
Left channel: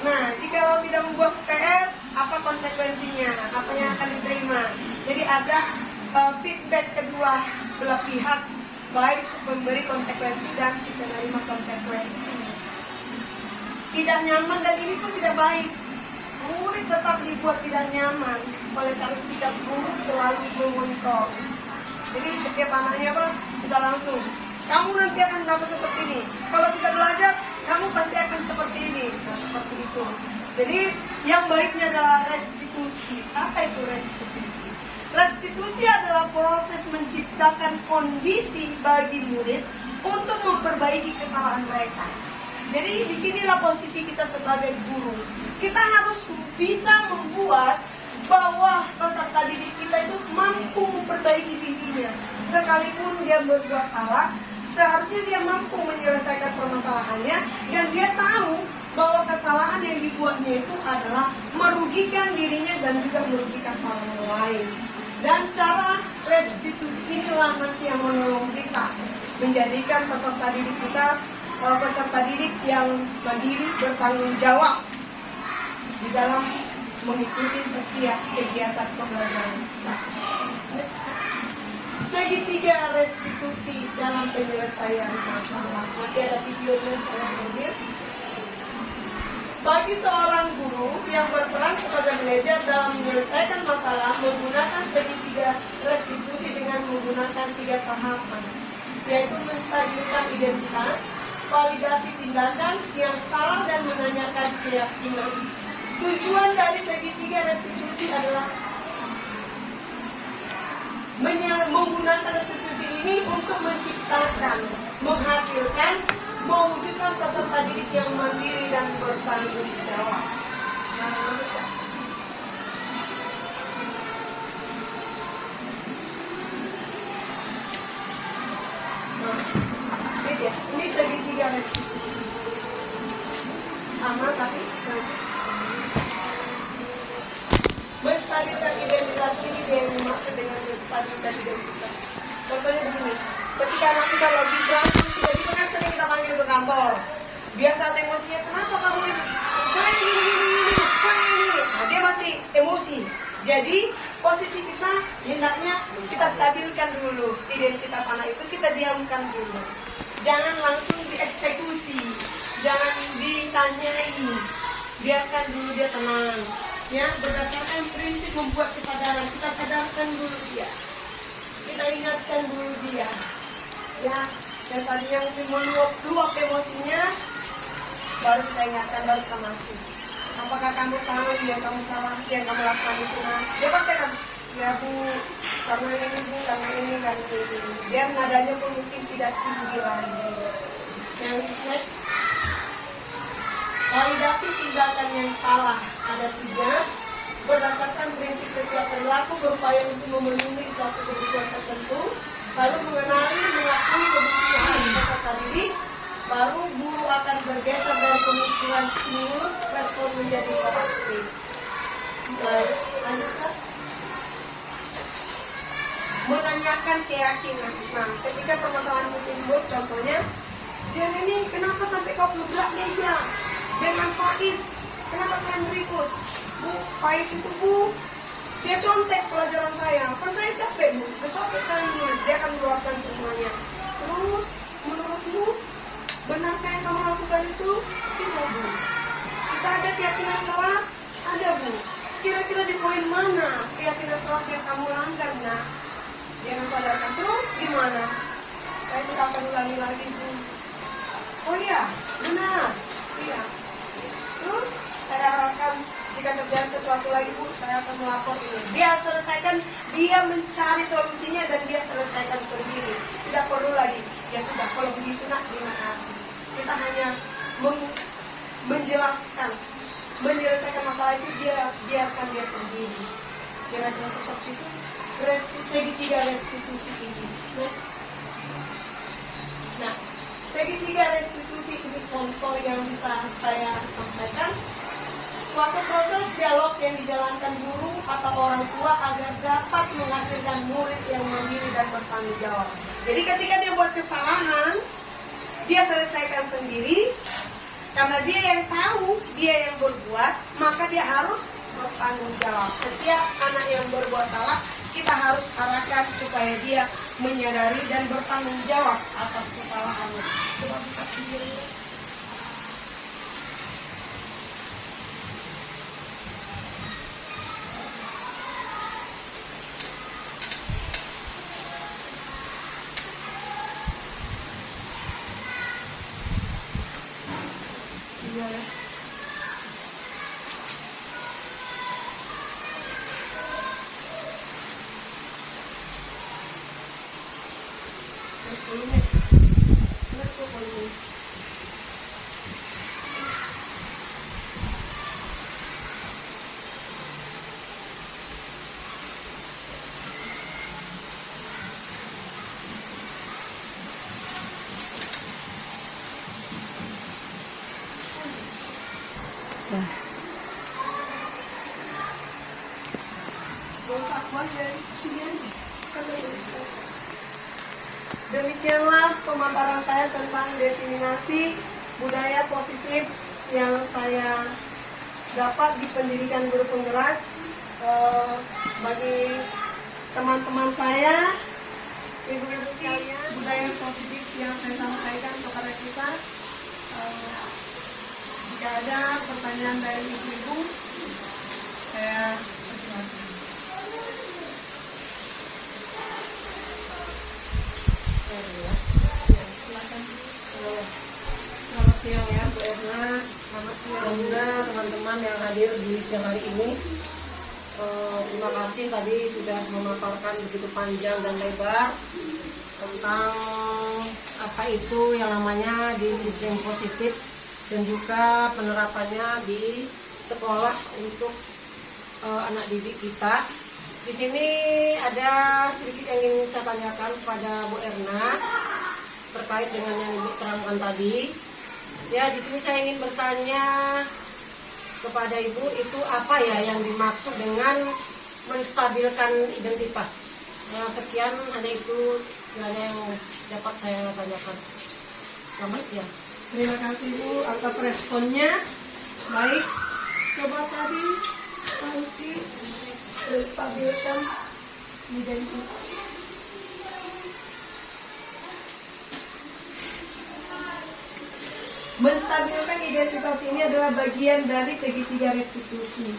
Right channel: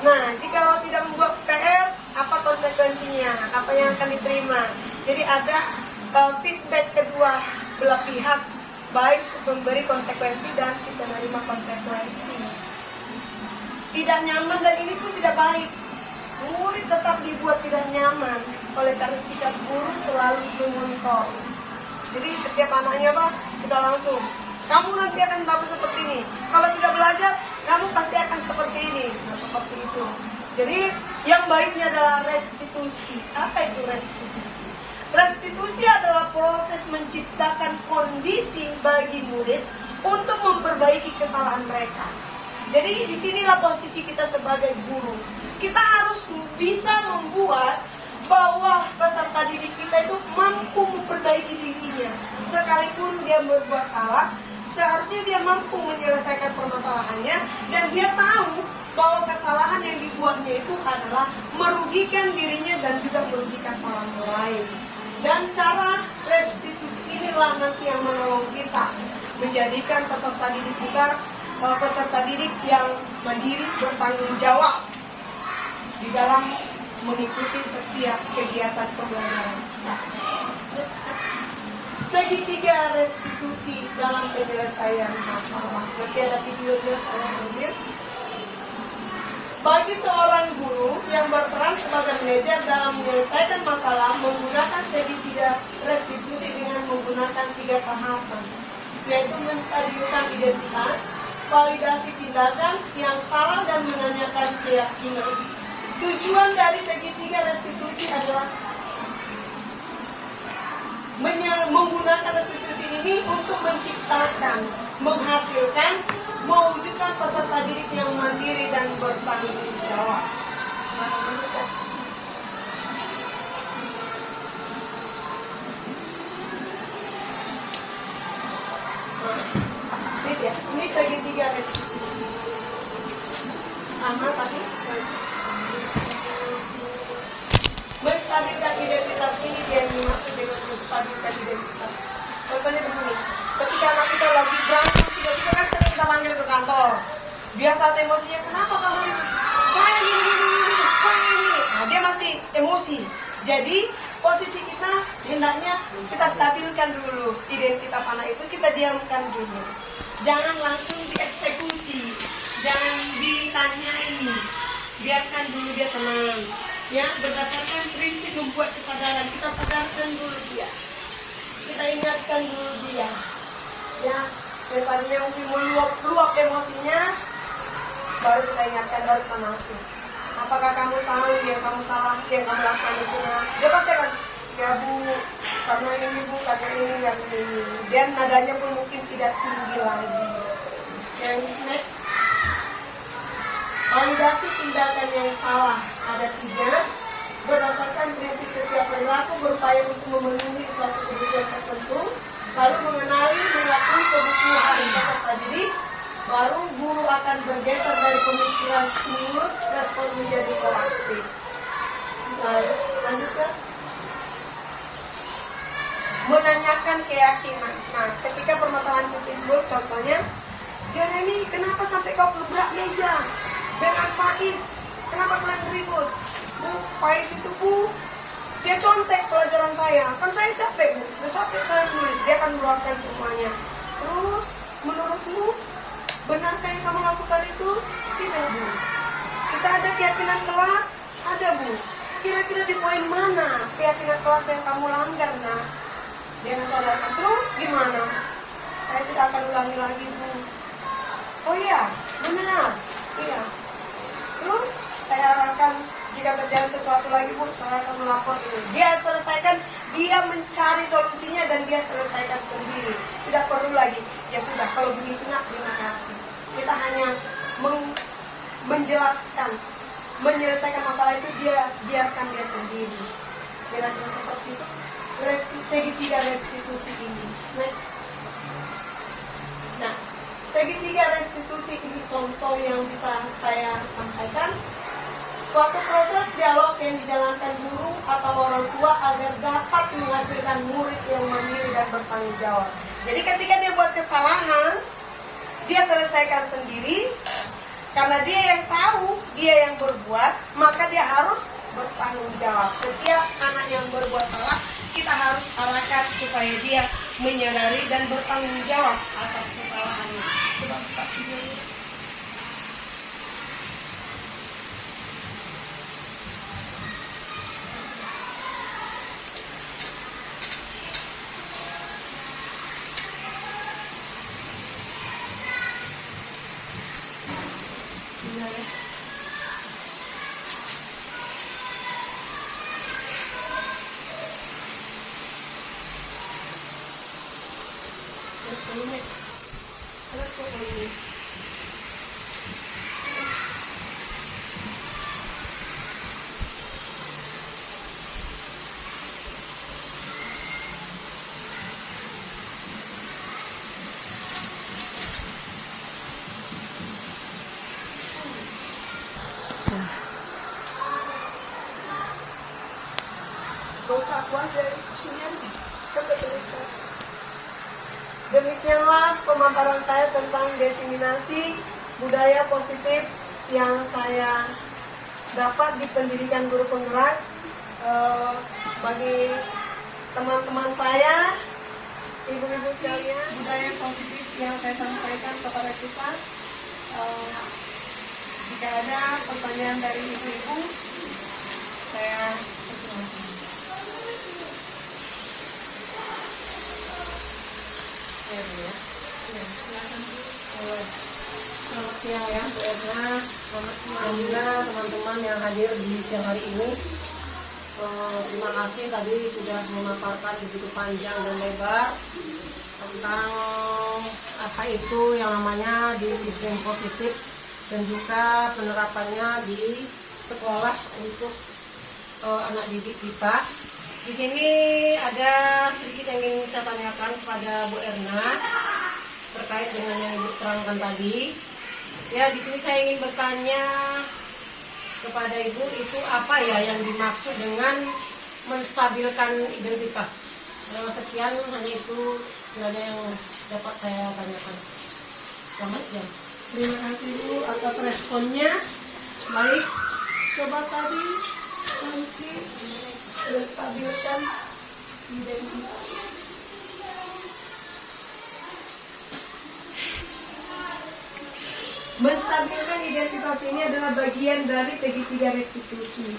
Nah, jika tidak membuat PR, apa konsekuensinya? Apa yang akan diterima? Jadi ada feedback kedua belah pihak, baik pemberi konsekuensi dan si penerima konsekuensi. Tidak nyaman dan ini pun tidak baik. Murid tetap dibuat tidak nyaman oleh karena sikap guru selalu memonitor. Jadi setiap anaknya sudah langsung, kamu nanti akan dapat seperti ini. Kalau tidak belajar, kamu pasti akan seperti ini. Nah, seperti itu. Jadi yang baiknya adalah restitusi. Apa itu restitusi? Restitusi adalah proses menciptakan kondisi bagi murid untuk memperbaiki kesalahan mereka. Jadi disinilah posisi kita sebagai guru. Kita harus bisa membuat bahwa peserta didik kita itu mampu memperbaiki dirinya. Sekalipun dia berbuat salah, seharusnya dia mampu menyelesaikan permasalahannya dan dia tahu bahwa kesalahan yang dibuatnya itu adalah merugikan dirinya dan juga merugikan orang lain. Dan cara restitusi inilah nanti yang menolong kita menjadikan peserta didik kita peserta didik yang mandiri, bertanggung jawab di dalam mengikuti setiap kegiatan pembelajaran. Nah, segitiga restitusi dalam penyelesaian masalah. Oke, ada videonya saya ambil. Bagi seorang guru yang berperan sebagai manajer dalam menyelesaikan masalah menggunakan segitiga restitusi dengan menggunakan 3 tahapan, yaitu menstabilkan identitas, validasi tindakan yang salah dan menanyakan keyakinan. Tujuan dari segitiga restitusi adalah menggunakan restitusi ini untuk menciptakan, menghasilkan, mewujudkan peserta didik yang mandiri dan bertanggung jawab. Ini dia, ini segitiga restitusi. Sama tadi. Menstabilkan identitas ini dia yang dimaksud dengan menstabilkan identitas. Contohnya begini, ketika anak kita lagi berantem, tiba-tiba kan sering kita panggil ke kantor. Biasa emosinya, kenapa kamu itu? Saya ini. Nah, dia masih emosi. Jadi posisi kita hendaknya kita stabilkan dulu identitas anak itu, kita diamkan dulu. Jangan langsung dieksekusi, jangan ditanyai, biarkan dulu dia tenang. Ya, berdasarkan prinsip membuat kesadaran, kita sadarkan dulu dia, kita ingatkan dulu dia. Ya, yang tadinya meluap emosinya, baru kita ingatkan, baru kita masuk. Apakah kamu tahu yang kamu salah, yang kamu lakukan itu? Nah, dia pasti akan, ya bu, karena ini bu, karena ini. Biar nadanya pun mungkin tidak tinggi lagi. Okay, next. Validasi tindakan yang salah ada 3. Berdasarkan prinsip setiap perilaku berupaya untuk memenuhi suatu kebutuhan tertentu, lalu mengenali, mengakui kebutuhan peserta didik, baru guru akan bergeser dari pemikiran stimulus respon menjadi proaktif. Lanjutkan. Menanyakan keyakinan. Nah, ketika permasalahan itu timbul, contohnya, Jeremy, kenapa sampai kau gebrak meja dengan Faiz? Kenapa kalian berikut? Bu, Faiz itu bu, dia contek pelajaran saya. Kan saya capek bu, capek saya nulis. Dia akan meluapkan semuanya. Terus, menurutmu, benarkah yang kamu lakukan itu? Tidak bu. Kita ada keyakinan kelas? Ada bu. Kira-kira di poin mana keyakinan kelas yang kamu langgar? Nah, dia akan terus gimana? Saya tidak akan ulangi lagi bu. Oh iya, benar. Iya. Terus saya arahkan jika terjadi sesuatu lagi bu, saya akan melapor ini. Dia selesaikan, dia mencari solusinya dan dia selesaikan sendiri. Tidak perlu lagi. Ya sudah, kalau begitu nak, terima kasih. Kita hanya menjelaskan, menyelesaikan masalah itu, dia biarkan dia sendiri. Kira-kira seperti itu. Segitiga restitusi ini. Nah, segitiga restitusi itu contoh yang bisa saya sampaikan. Suatu proses dialog yang dijalankan guru atau orang tua agar dapat menghasilkan murid yang mandiri dan bertanggung jawab. Jadi ketika dia buat kesalahan, dia selesaikan sendiri. Karena dia yang tahu, dia yang berbuat, maka dia harus bertanggung jawab. Setiap anak yang berbuat salah, kita harus arahkan supaya dia menyadari dan bertanggung jawab atas kesalahannya. Coba buka videonya. Iya ya. Dosa aku aja sini aja. Demikianlah pemaparan saya tentang diseminasi budaya positif yang saya dapat di pendidikan guru penggerak. Bagi teman-teman saya, ibu-ibu sekalian, budaya positif yang saya sampaikan kepada kita. Jika ada pertanyaan dari ibu-ibu, saya persilakan. Selamat siang ya Bu Edna. Dan juga teman-teman yang hadir di siang hari ini. Terima kasih tadi sudah memaparkan begitu panjang dan lebar tentang apa itu yang namanya disiplin positif dan juga penerapannya di sekolah untuk anak didik kita. Di sini ada sedikit yang ingin saya tanyakan kepada Bu Erna terkait dengan yang Ibu terangkan tadi. Ya, di sini saya ingin bertanya kepada Ibu, itu apa ya yang dimaksud dengan menstabilkan identitas? Nah, sekian hanya itu kiranya yang dapat saya tanyakan. Selamat siang. Terima kasih Bu atas responnya. Baik, coba tadi kunci menstabilkan identitas. Menstabilkan identitas ini adalah bagian dari segitiga restitusi.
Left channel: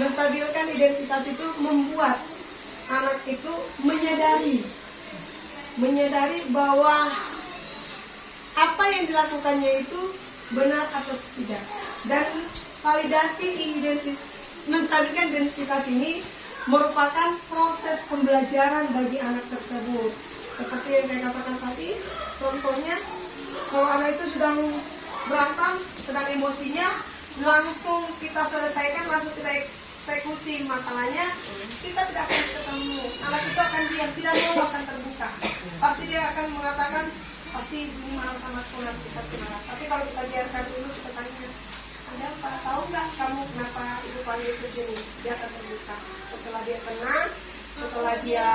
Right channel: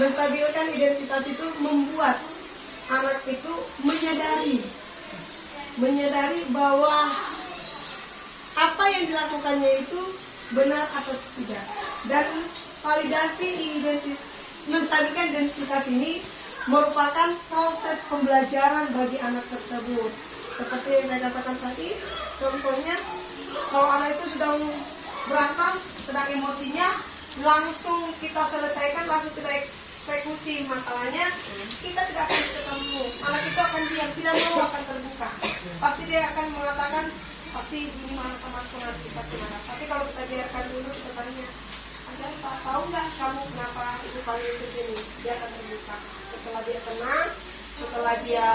Menstabilkan identitas itu membuat anak itu menyadari bahwa apa yang dilakukannya itu benar atau tidak. Dan validasi menstabilkan identitas ini merupakan proses pembelajaran bagi anak tersebut. Seperti yang saya katakan tadi, contohnya kalau anak itu sedang berantem, sedang emosinya, langsung kita selesaikan, langsung kita eksekusi masalahnya, kita tidak akan ketemu. Anak itu akan diam, tidak mau akan terbuka. Pasti dia akan mengatakan, pasti ini marah sama aku, nanti pasti marah. Tapi kalau kita biarkan dulu, kita tanya, ada apa? Tahu nggak kamu kenapa ibu panggil ke sini? Dia akan terbuka. Setelah dia tenang, setelah dia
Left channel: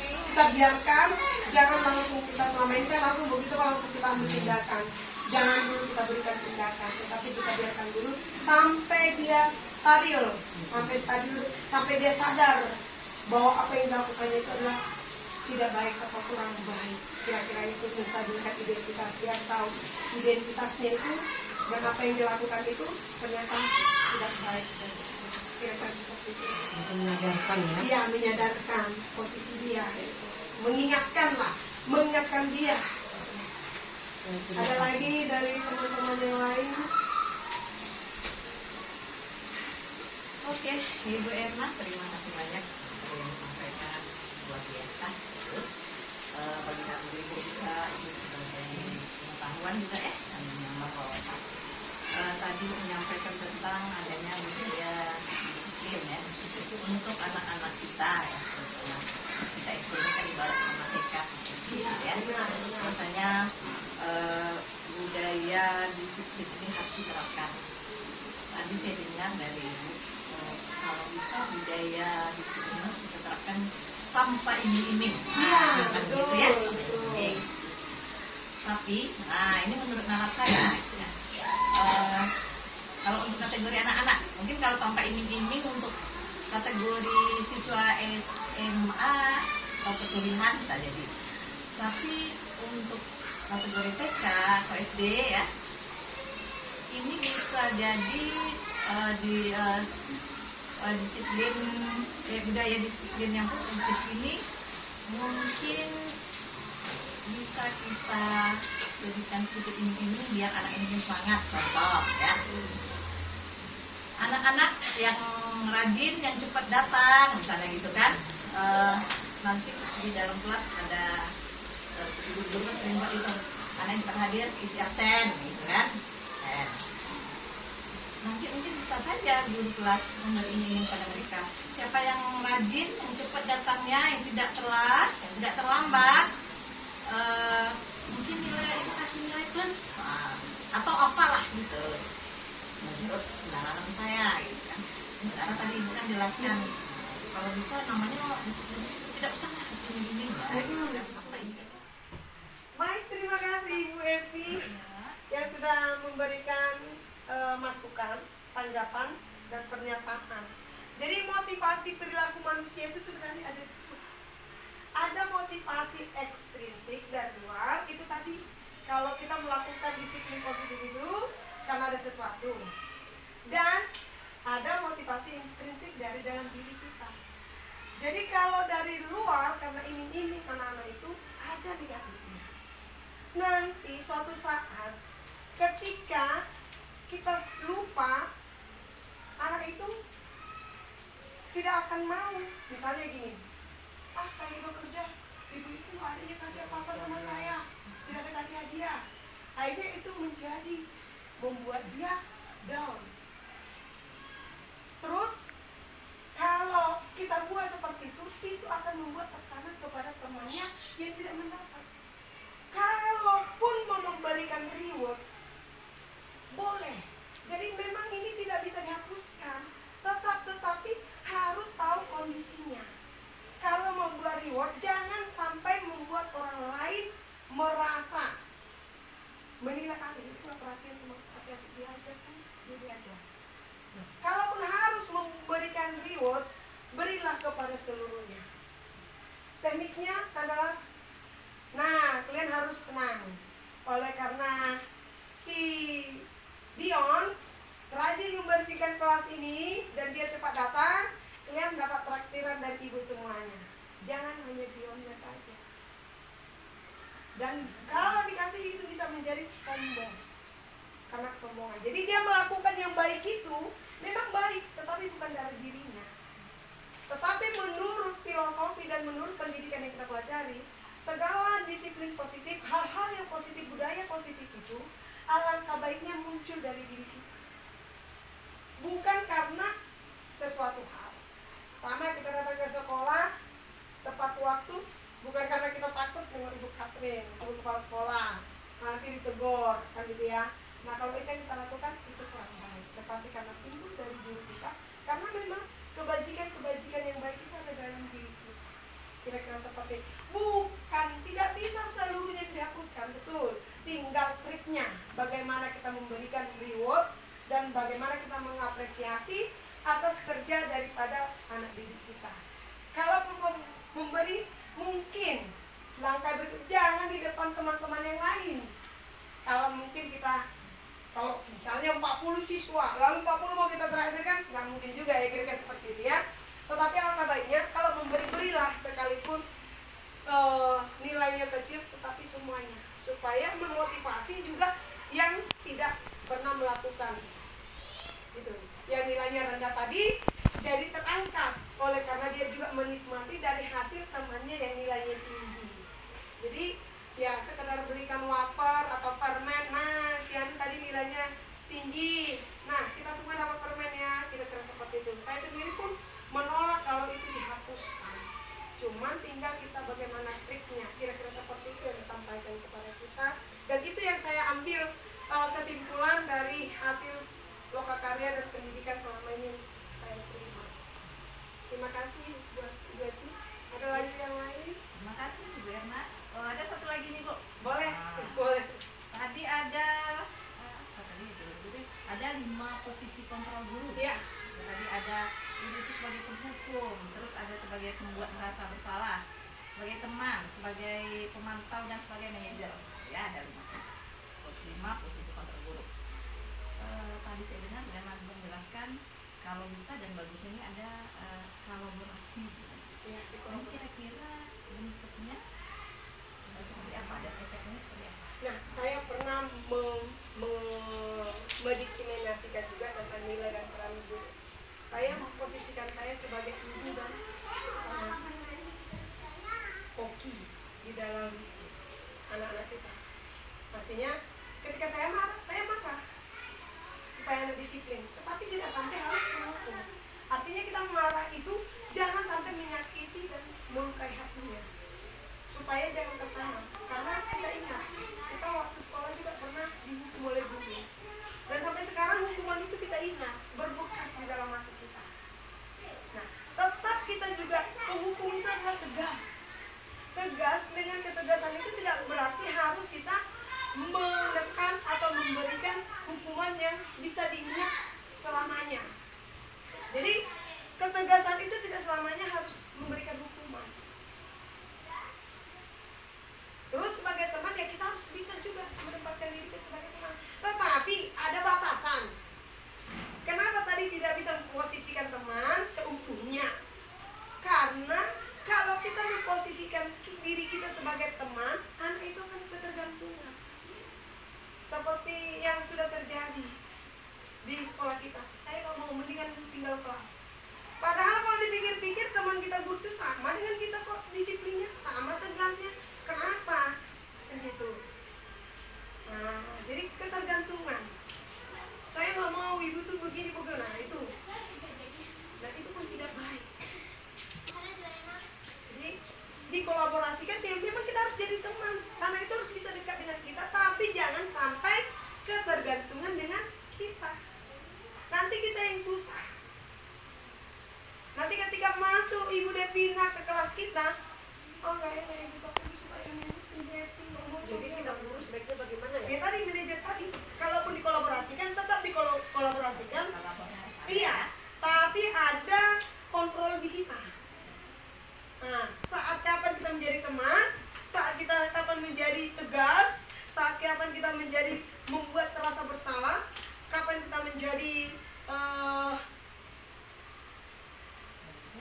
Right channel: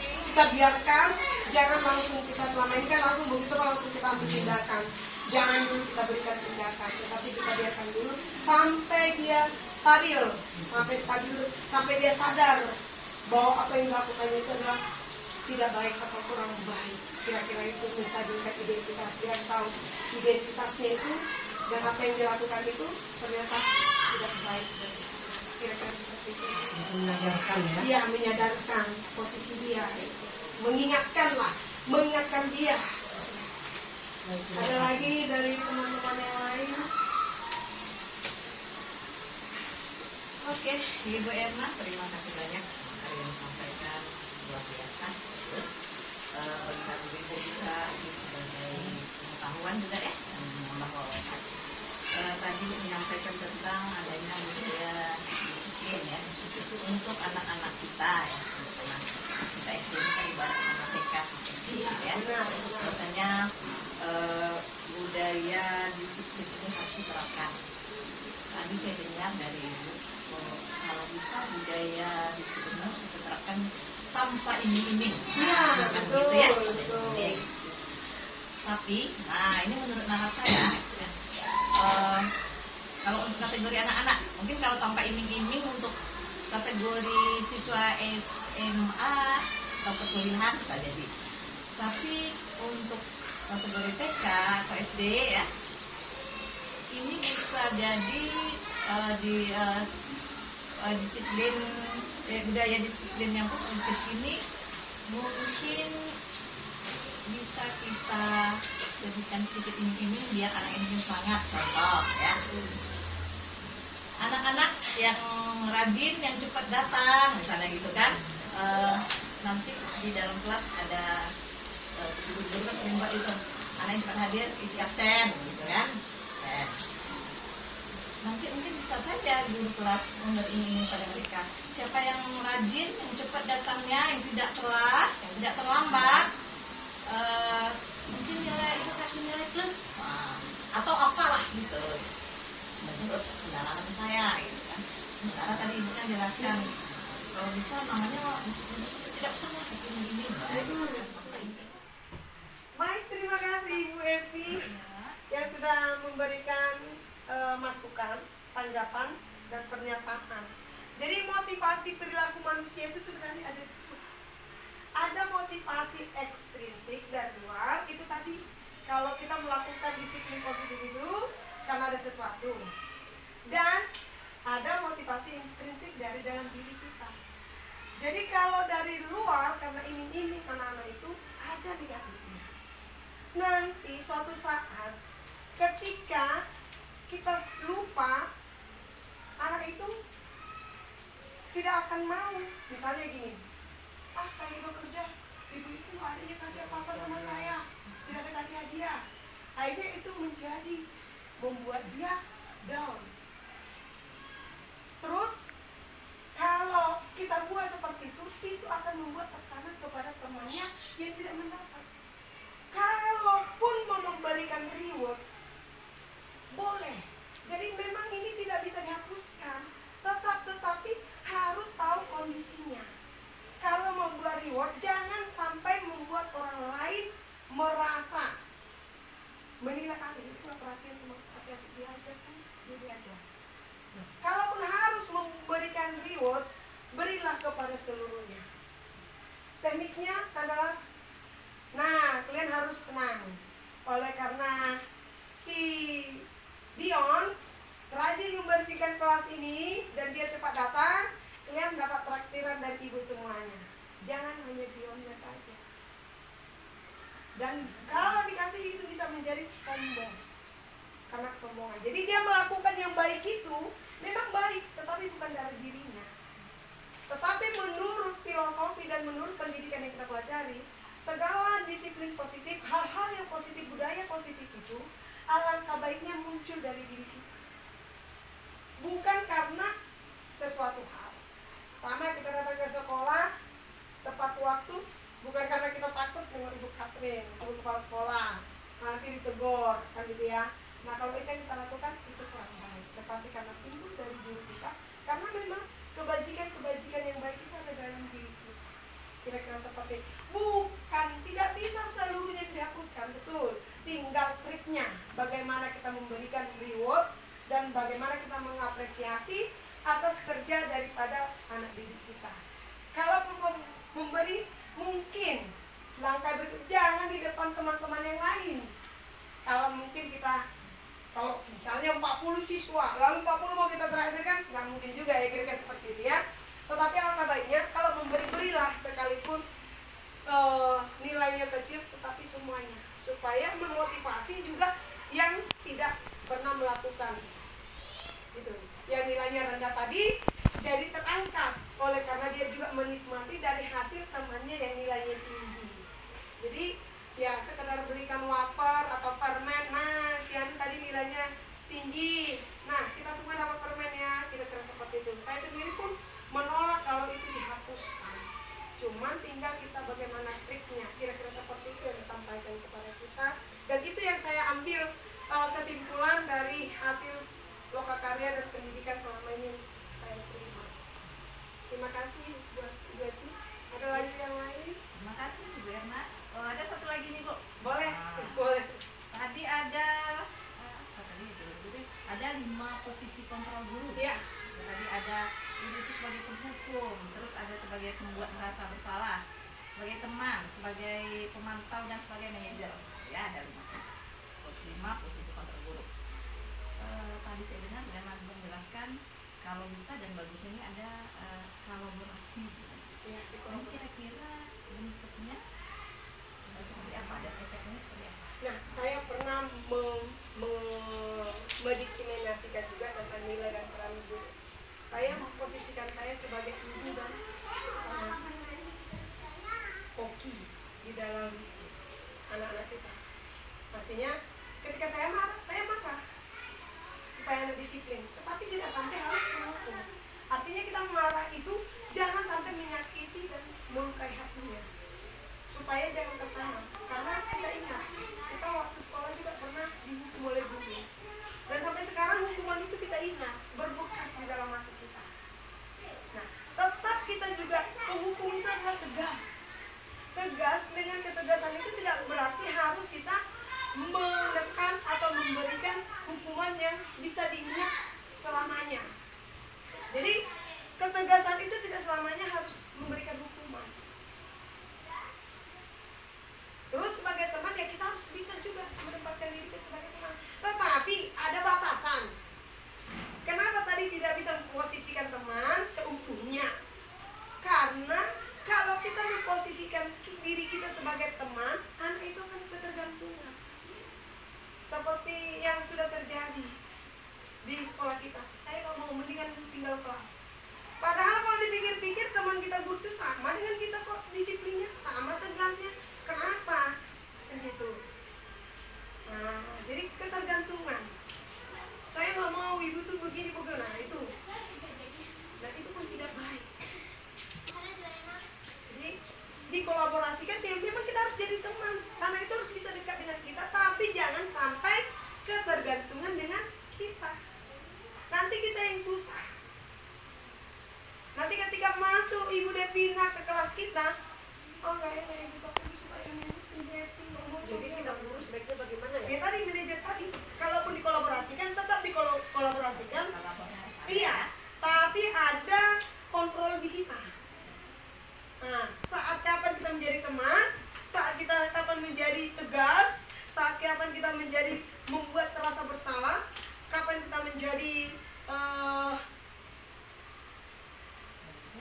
kita biarkan, jangan langsung kita selama ini kan langsung begitu langsung kita ambil tindakan. Jangan dulu kita berikan tindakan, tetapi kita biarkan dulu sampai dia stabil, sampai dia sadar bahwa apa yang dilakukannya itu adalah tidak baik atau kurang baik. Kira-kira itu menstabilkan identitas. Dia tahu identitasnya itu dan apa yang dilakukan itu ternyata tidak baik. Kira-kira seperti itu. Menyadarkan ya. Dia menyadarkan posisi dia, mengingatkan dia. Ada lagi dari teman-teman yang lain? Oke, Ibu Erna, terima kasih banyak apa yang disampaikan, luar biasa. Terus bagi kami Ibu juga itu sebagai pengetahuan juga dan menambah wawasan. Tadi menyampaikan tentang adanya budaya disiplin ya, disiplin untuk anak-anak kita ya, karena kita SD ini kan ibarat sama TK seperti itu ya. Biasanya budaya disiplin ini harus diterapkan. Tadi saya dengar dari Ibu, kalau bisa budaya disiplin harus diterapkan tanpa iming-iming. Betul, gitu ya. betul. Tapi, ini menurut nalar saya, ya, kalau untuk kategori anak-anak, mungkin kalau tanpa iming-iming untuk kategori siswa SMA atau kuliahan bisa jadi. Tapi untuk kategori TK atau SD ya, ini bisa jadi disiplin budaya disiplin yang positif ini mungkin bisa kita jadikan sedikit ini biar anak ini semangat. Contoh ya, anak-anak yang rajin, yang cepat datang misalnya gitu kan, nanti di dalam kelas ada guru-guru kan sering buat itu, anak yang cepat hadir isi absen gitu kan, absen. Nanti mungkin bisa saja guru kelas memberi ini pada mereka, siapa yang rajin, yang cepat datangnya, yang tidak telat, yang tidak terlambat, mungkin nilai itu kasih nilai plus atau apalah gitu menurut pendalaman saya gitu kan. Sementara tadi Ibu kan jelaskan kalau bisa namanya tidak usah lah kasih ini Baik, terima kasih Ibu Evi yang sudah memberikan masukan, tanggapan, dan pernyataan. Jadi motivasi perilaku manusia itu sebenarnya ada dua. Ada motivasi ekstrinsik dari luar, itu tadi kalau kita melakukan disiplin positif itu karena ada sesuatu. Dan ada motivasi intrinsik dari dalam diri kita. Jadi kalau dari luar karena iming-iming anak-anak itu ada negatifnya. Nanti suatu saat ketika kita lupa, anak itu tidak akan mau. Misalnya gini, saya bekerja, ibu itu adanya kasih apa-apa sama saya, tidak ada kasih hadiah. Akhirnya itu membuat dia down. Terus kalau kita buat seperti itu akan membuat tekanan kepada temannya yang tidak mendapat. Kalaupun mau memberikan reward, boleh. Jadi memang ini tidak bisa dihapuskan, tetapi harus tahu kondisinya. Kalau membuat reward, jangan sampai membuat orang lain merasa menilai itu nggak perhatian sama asik diajar kan, dia diajar. Kalaupun harus memberikan reward, berilah kepada seluruhnya. Tekniknya adalah, nah kalian harus senang. Oleh karena si Dion rajin membersihkan kelas ini dan dia cepat datang, kalian dapat traktiran dari ibu semuanya. Jangan hanya Dionnya saja. Dan kalau dikasih itu bisa menjadi sombong, karena kesombongan. Jadi dia melakukan yang baik itu memang baik, tetapi bukan dari dirinya. Tetapi menurut filosofi dan menurut pendidikan yang kita pelajari, segala disiplin positif, hal-hal yang positif, budaya positif itu alangkah baiknya muncul dari diri kita, bukan karena sesuatu hal. Sama kita datang ke sekolah tepat waktu, bukan karena kita takut dengan Ibu Katrin, Ibu Kepala Sekolah, nanti ditegur, kan gitu ya. Nah kalau itu yang kita lakukan itu kurang baik, tetapi karena timbul dari diri kita, karena memang kebajikan yang baik itu ada dalam diri kita. Kira-kira seperti, bukan, tidak bisa seluruhnya dihapuskan, betul. Tinggal triknya, bagaimana kita memberikan reward dan bagaimana kita mengapresiasi atas kerja daripada anak didik kita. Kalau memberi, mungkin langkah berikut, jangan di depan teman-teman yang lain. Kalau mungkin kita, kalau misalnya 40 siswa, lalu 40 mau kita terakhirkan, nggak mungkin juga ya, kira-kira seperti itu ya. Tetapi alangkah baiknya kalau berilah sekalipun nilainya kecil, tetapi semuanya, supaya memotivasi juga yang tidak pernah melakukan itu, yang nilainya rendah tadi jadi terangkat, oleh karena dia juga menikmati dari hasil temannya yang nilainya tinggi. Jadi ya sekedar belikan wafer atau permen, nah si Anu tadi nilainya tinggi, nah kita semua dapat permen ya, kira-kira seperti itu. Saya sendiri pun menolak kalau itu dihapuskan, cuman tinggal kita bagaimana triknya, kira-kira seperti itu yang disampaikan kepada kita. Dan itu yang saya ambil kesimpulan dari hasil lokakarya dan pendidikan selama ini saya terima. Terima kasih buat Ibu Eti. Ada lagi yang lain? Terima kasih Bu Erna. Ada satu lagi nih Bu. Boleh, Nah, boleh. Tadi ada apa tadi itu? Ada 5 posisi kontrol guru. Iya. Tadi ada ibu itu sebagai penghukum, terus ada sebagai pembuat merasa bersalah, sebagai teman, sebagai pemantau dan sebagai manajer. Ya ada 5 posisi kontrol guru. Tadi saya dengar dan menjelaskan kalau bisa dan bagus ini ada kolaborasi. Iya, Dan kira-kira bentuknya seperti apa, dan efeknya seperti apa? Nah, saya pernah mendiseminasikan juga tentang nilai dan peran guru. Saya memposisikan saya sebagai ibu dan koki di dalam anak-anak kita. Artinya, ketika saya marah supaya anak disiplin, tetapi tidak sampai harus menghukum. Artinya kita marah itu jangan sampai menyakiti dan melukai hatinya, supaya jangan tertanam. Karena kita ingat, kita waktu sekolah juga pernah dihukum oleh guru, dan sampai sekarang hukuman itu kita ingat, berbekas di dalam hati kita. Nah, tetap kita juga, penghukum itu adalah tegas. Dengan ketegasan itu tidak berarti harus kita menekan atau memberikan hukuman yang bisa diingat selamanya. Jadi ketegasan itu tidak selamanya harus memberikan hukuman. Terus sebagai teman ya kita harus bisa juga menempatkan diri kita sebagai teman. Tetapi ada batasan. Kenapa tadi tidak bisa memposisikan teman seutuhnya? Karena kalau kita memposisikan diri kita sebagai teman, anak itu akan ketergantungan. Seperti yang sudah terjadi. di sekolah kita. Saya nggak mau, mendingan tinggal kelas. Padahal kalau dipikir-pikir teman kita guru itu sama dengan kita kok, disiplinnya sama, tegasnya. Kenapa? Kan gitu. Nah, jadi ketergantungan. Saya nggak mau ibu tuh begini begini. Nah itu, dan itu pun tidak baik. Jadi dikolaborasikan, ya memang kita harus jadi teman, karena itu harus bisa dekat dengan kita, tapi jangan sampai ketergantungan dengan kita. Nanti kita yang susah. Nanti ketika masuk Ibu Devina ke kelas kita, oh nggak enak Ibu, tapi suka ini Devina. Jadi sikap guru sebaiknya bagaimana ya? Ya tadi manajer tadi, kalaupun dikolaborasikan, tetap dikolaborasikan. Iya, tapi ada kontrol di kita. Nah, saat kapan kita menjadi teman, saat kita kapan menjadi tegas, saat kapan kita menjadi membuat terasa bersalah, kapan kita menjadi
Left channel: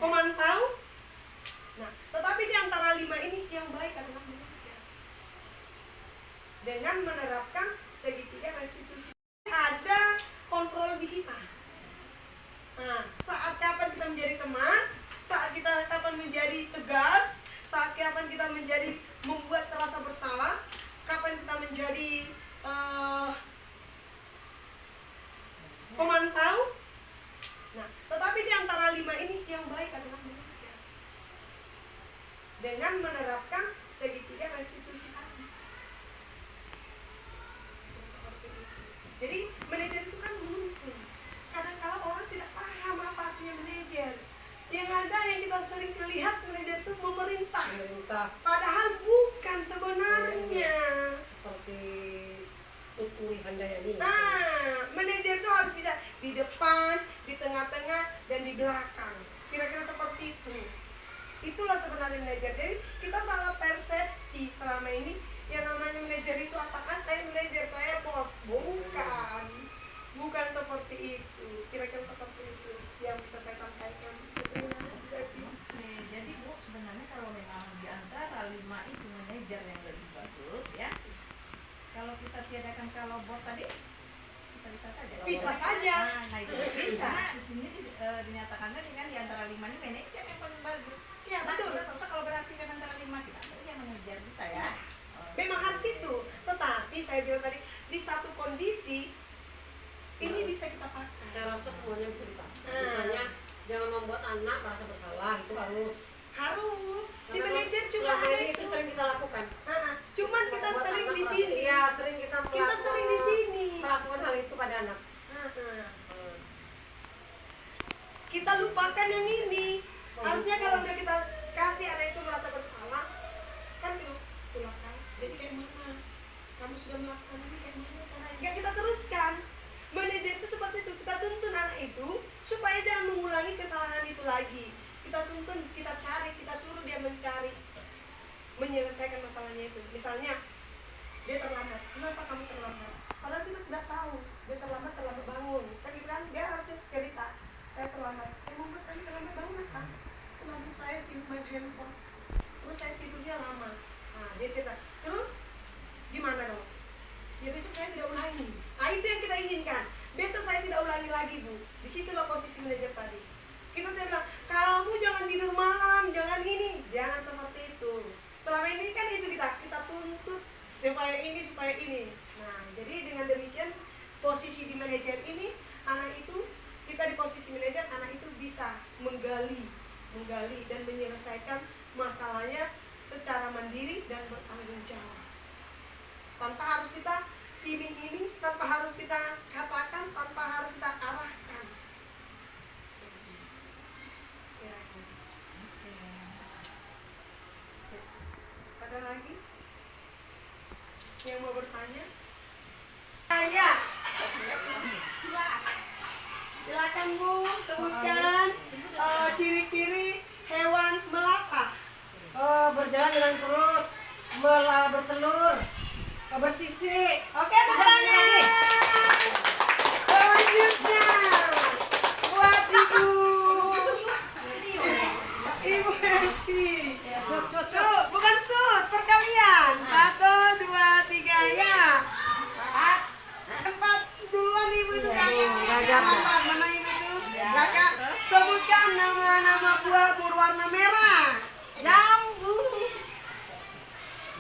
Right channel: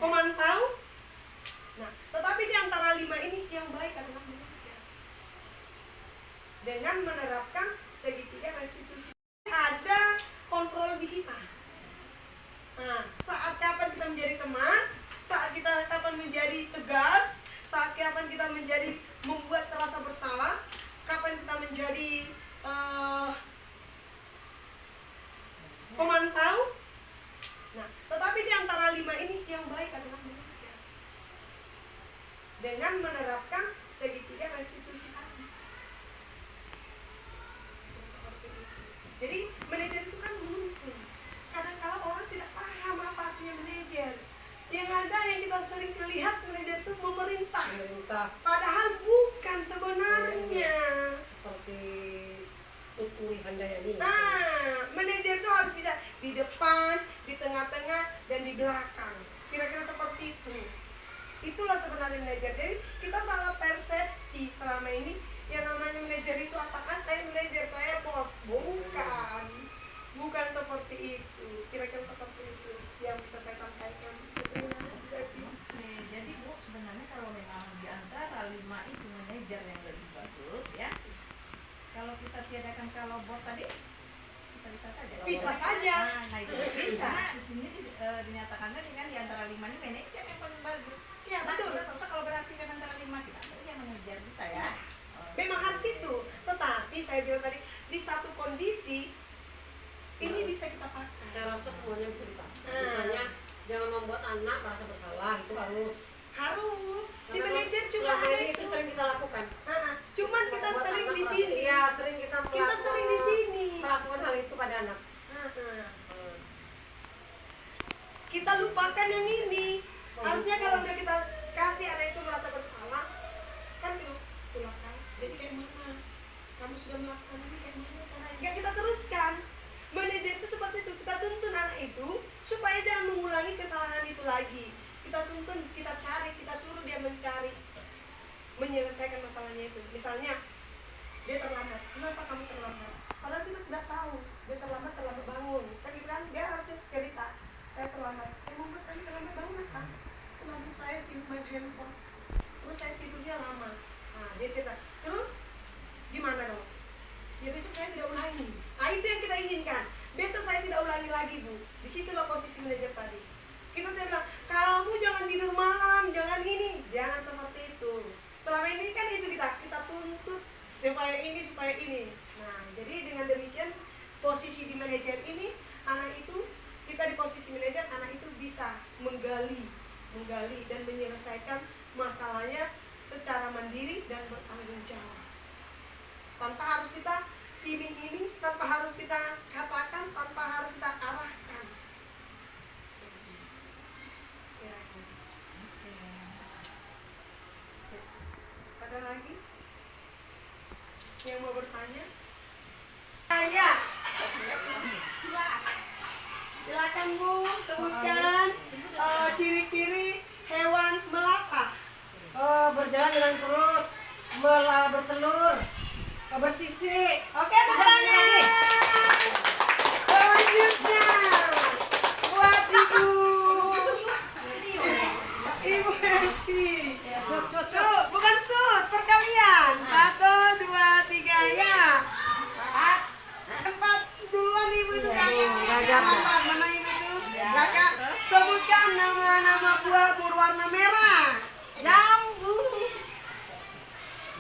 pemantau. Nah, tetapi di antara 5 ini yang baik adalah manajer. Dengan menerapkan segitiga restitusi, ada kontrol di kita. Nah, saat kapan kita menjadi teman, saat kita kapan menjadi tegas, saat kapan kita menjadi membuat terasa bersalah, kapan kita menjadi pemantau. Nah, tetapi di antara 5 ini yang baik adalah manajer. Dengan menerapkan segitiga restitusi tadi. Seperti itu. Jadi manajer itu kan menuntun. Kadang-kala orang tidak paham apa artinya manajer. Yang ada yang kita sering lihat manajer itu memerintah. Padahal bukan sebenarnya. Seperti Tuturi Handayani. Nah, manajer itu harus bisa di depan, di tengah-tengah, dan di belakang. Kira-kira seperti itu. Itulah sebenarnya manajer. Jadi kita salah persepsi selama ini. Yang namanya manajer itu apakah saya manajer, saya bos? Bukan. Bukan seperti itu. Kira-kira seperti itu yang bisa saya sampaikan. Jadi Bu, sebenarnya kalau memang di antara 5 itu manajer yang lebih bagus ya. Kalau kita tiadakan kalau bot tadi bisa saja. Bisa saja. Nah itu Bisa. Karena di sini dinyatakan tadi kan di antara 5 ini manajer yang paling bagus. Ya, betul. Kita tak usah kolaborasi dengan antara 5 kita. Yang manajer bisa ya. Memang harus itu. Tetapi saya bilang tadi di satu kondisi ini bisa kita pakai. Saya rasa semuanya bisa dipakai. Misalnya jangan membuat anak merasa bersalah, itu harus. Di manajer juga ada ini itu sering kita lakukan. Cuman kita Membuat sering anak di merasa- sini. Iya, sering kita sering di sini. melakukan hal itu pada anak. Kita lupakan yang ini. Harusnya kalau udah kita kasih anak itu merasa bersalah, kan lupakan. Jadi kayak mana? Kamu sudah melakukan ini kayak mana caranya? Enggak, kita teruskan. Manajer itu seperti itu. Kita tuntun anak itu supaya jangan mengulangi kesalahan itu lagi. Kita tuntun, kita cari, kita suruh dia mencari, menyelesaikan masalahnya itu. Misalnya dia terlambat. Kenapa kamu terlambat? Padahal dia tidak tahu. Dia terlambat bangun. Kan gitu kan? Dia harus cerita. Saya terlambat. Membuat kami terlambat bangun apa? Lampu saya simpan handphone. Terus saya tidurnya lama. Nah, dia cerita. Terus gimana dong? Ya besok saya tidak ulangi. Nah, itu yang kita inginkan. Besok saya tidak ulangi lagi, Bu. Disitulah posisi manajer tadi. Kita bilang, kamu jangan tidur malam, jangan ini, jangan seperti itu. Selama ini kan itu kita tuntut supaya ini. Nah, jadi dengan demikian posisi di manajer ini, anak itu kita di posisi manajer, anak itu bisa menggali dan menyelesaikan masalahnya secara mandiri dan bertanggung jawab. Tanpa harus kita iming-iming, tanpa harus kita katakan, tanpa harus kita arahkan. Ada lagi yang mau bertanya? Tanya. Silakan Bu, sebutkan ciri-ciri hewan melata. Berjalan dengan perut, bertelur, bersisik. Oke, tepuk tangan. Selanjutnya buat Ibu Esti. Sud, bukan sud, perkalian. 1, 2, 3, ya. 4 duluan Ibu itu kayak. Sebutkan nama-nama buah berwarna merah. Jambu.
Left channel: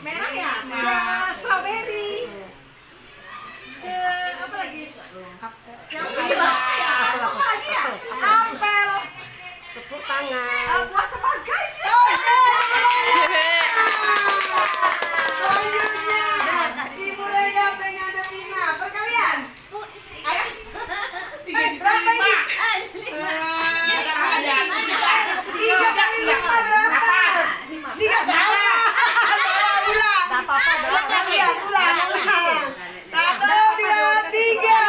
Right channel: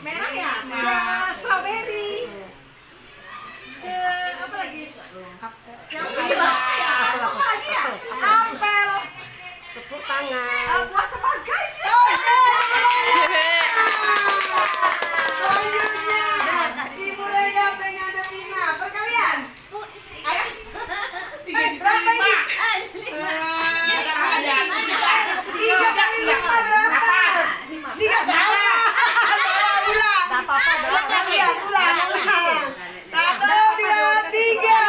Merah ya? Strawberry. Apa lagi? Yang Apel. ini lah. Apa lagi ya? Apel. Tepuk tangan. Buah sebagai sih. Selanjutnya, dimulai dengan Devina. Perkalian. Ayo. Berapa ini? Tiga kali lima berapa? Tiga salah. Salah ulang. Tak apa-apa, Ulang. Satu, dua, tiga.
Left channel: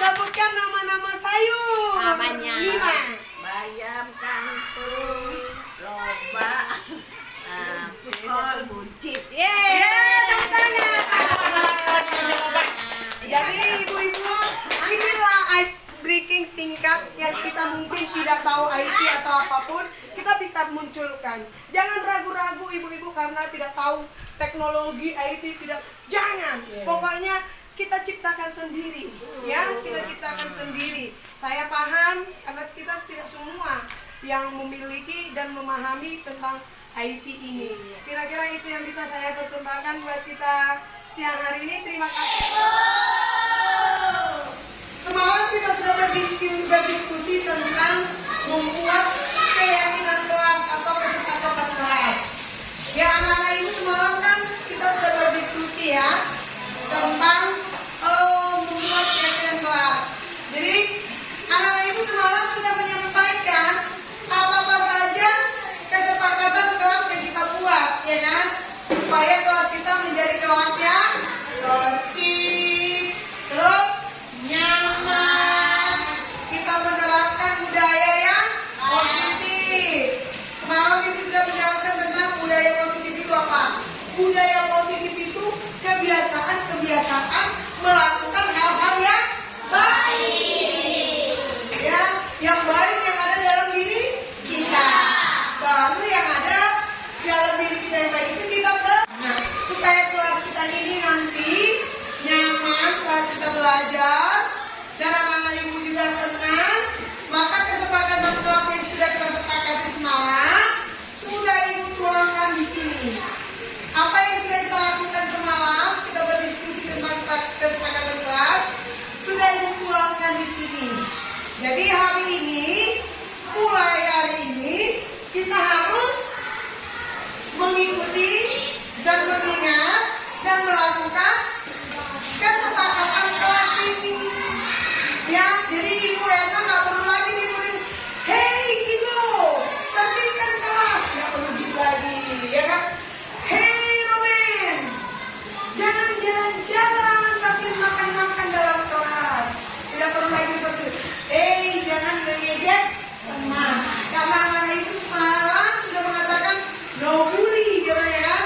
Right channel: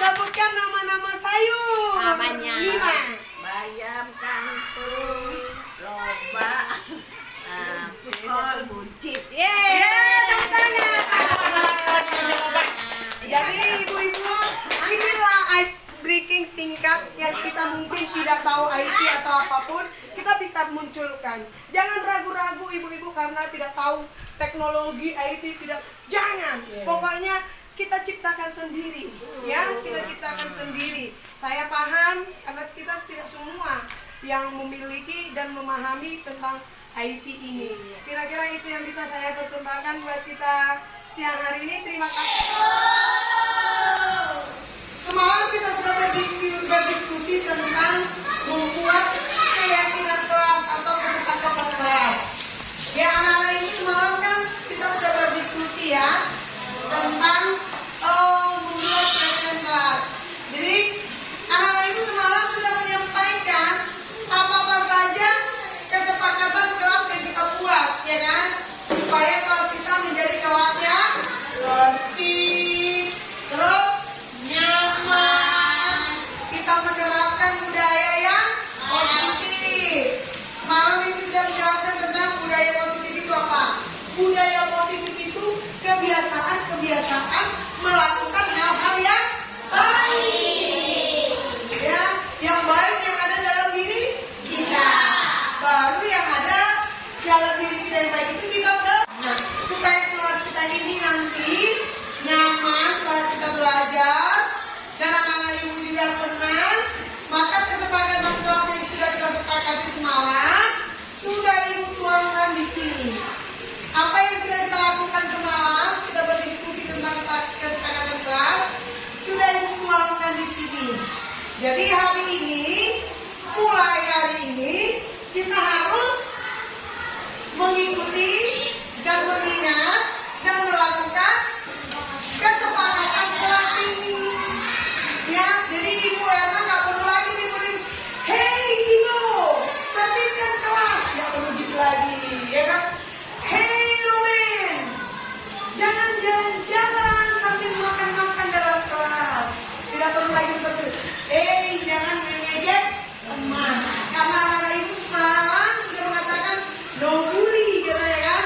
Sebutkan nama-nama sayur. Namanya. 5. Bayam, kangkung, lobak, kol, buncit. Tepuk tangan. Jadi ibu-ibu, inilah ice breaking singkat yang kita mungkin tidak tahu IT atau apapun, kita bisa munculkan. Jangan ragu-ragu ibu-ibu karena tidak tahu teknologi IT, jangan. Pokoknya kita ciptakan sendiri, ya, kita ciptakan sendiri. Saya paham karena kita tidak semua yang memiliki dan memahami tentang IT ini. Kira-kira itu yang bisa saya persembahkan buat kita siang hari ini. Terima kasih. Semalam kita sudah berdiskusi tentang membuat keyakinan kelas atau kesepakatan kelas. Ya anak-anak ibu, semalam kan kita sudah berdiskusi ya tentang membuat keyakinan kelas. Jadi anak-anak ibu semalam sudah menyampaikan apa-apa saja kesepakatan kelas yang kita buat, ya kan? Supaya kelas kita menjadi kelas yang tertib, terus nyaman. Kita menerapkan budaya yang positif. Semalam ibu sudah menjelaskan tentang budaya positif itu apa? Budaya positif itu kebiasaan melakukan hal-hal yang baik. Ya, yang baik yang ada dalam diri kita. Baru yang ada dalam diri kita yang baik itu kita supaya kelas kita ini nanti nyaman saat kita belajar dan anak-anak ibu juga senang. Maka kesepakatan kelas yang sudah kita sepakati semalam sudah ibu tuangkan di sini. Apa yang sudah kita lakukan semalam, kita berdiskusi tentang kesepakatan kelas, sudah ibu tuangkan di sini. Jadi hari ini, mulai hari ini, kita harus mengikuti dan mengingat dan melakukan kesepakatan kelas ini. Ya, jadi Ibu Erna nggak perlu lagi dibilang, hey Kino, tertibkan kelas, nggak perlu gitu lagi, ya kan? Hey Romen, jangan jalan-jalan sambil makan-makan dalam kelas. Tidak perlu lagi seperti itu. Hey, jangan mengejek teman. Karena anak-anak ibu semalam sudah mengatakan no bully, gitu ya kan?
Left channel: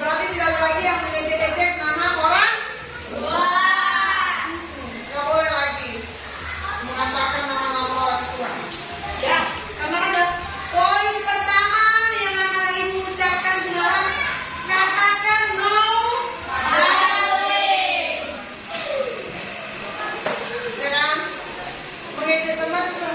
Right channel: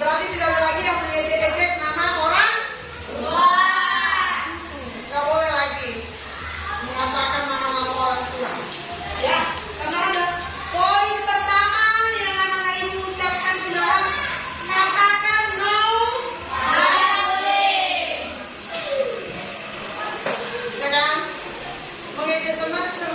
Berarti tidak ada lagi yang mengejek-ejek nama orang. Nggak boleh lagi mengatakan nama-nama orang tua. Ya, karena ada poin pertama yang anak-anak ibu ucapkan semalam, katakan no. Ya kan? Mengejek teman itu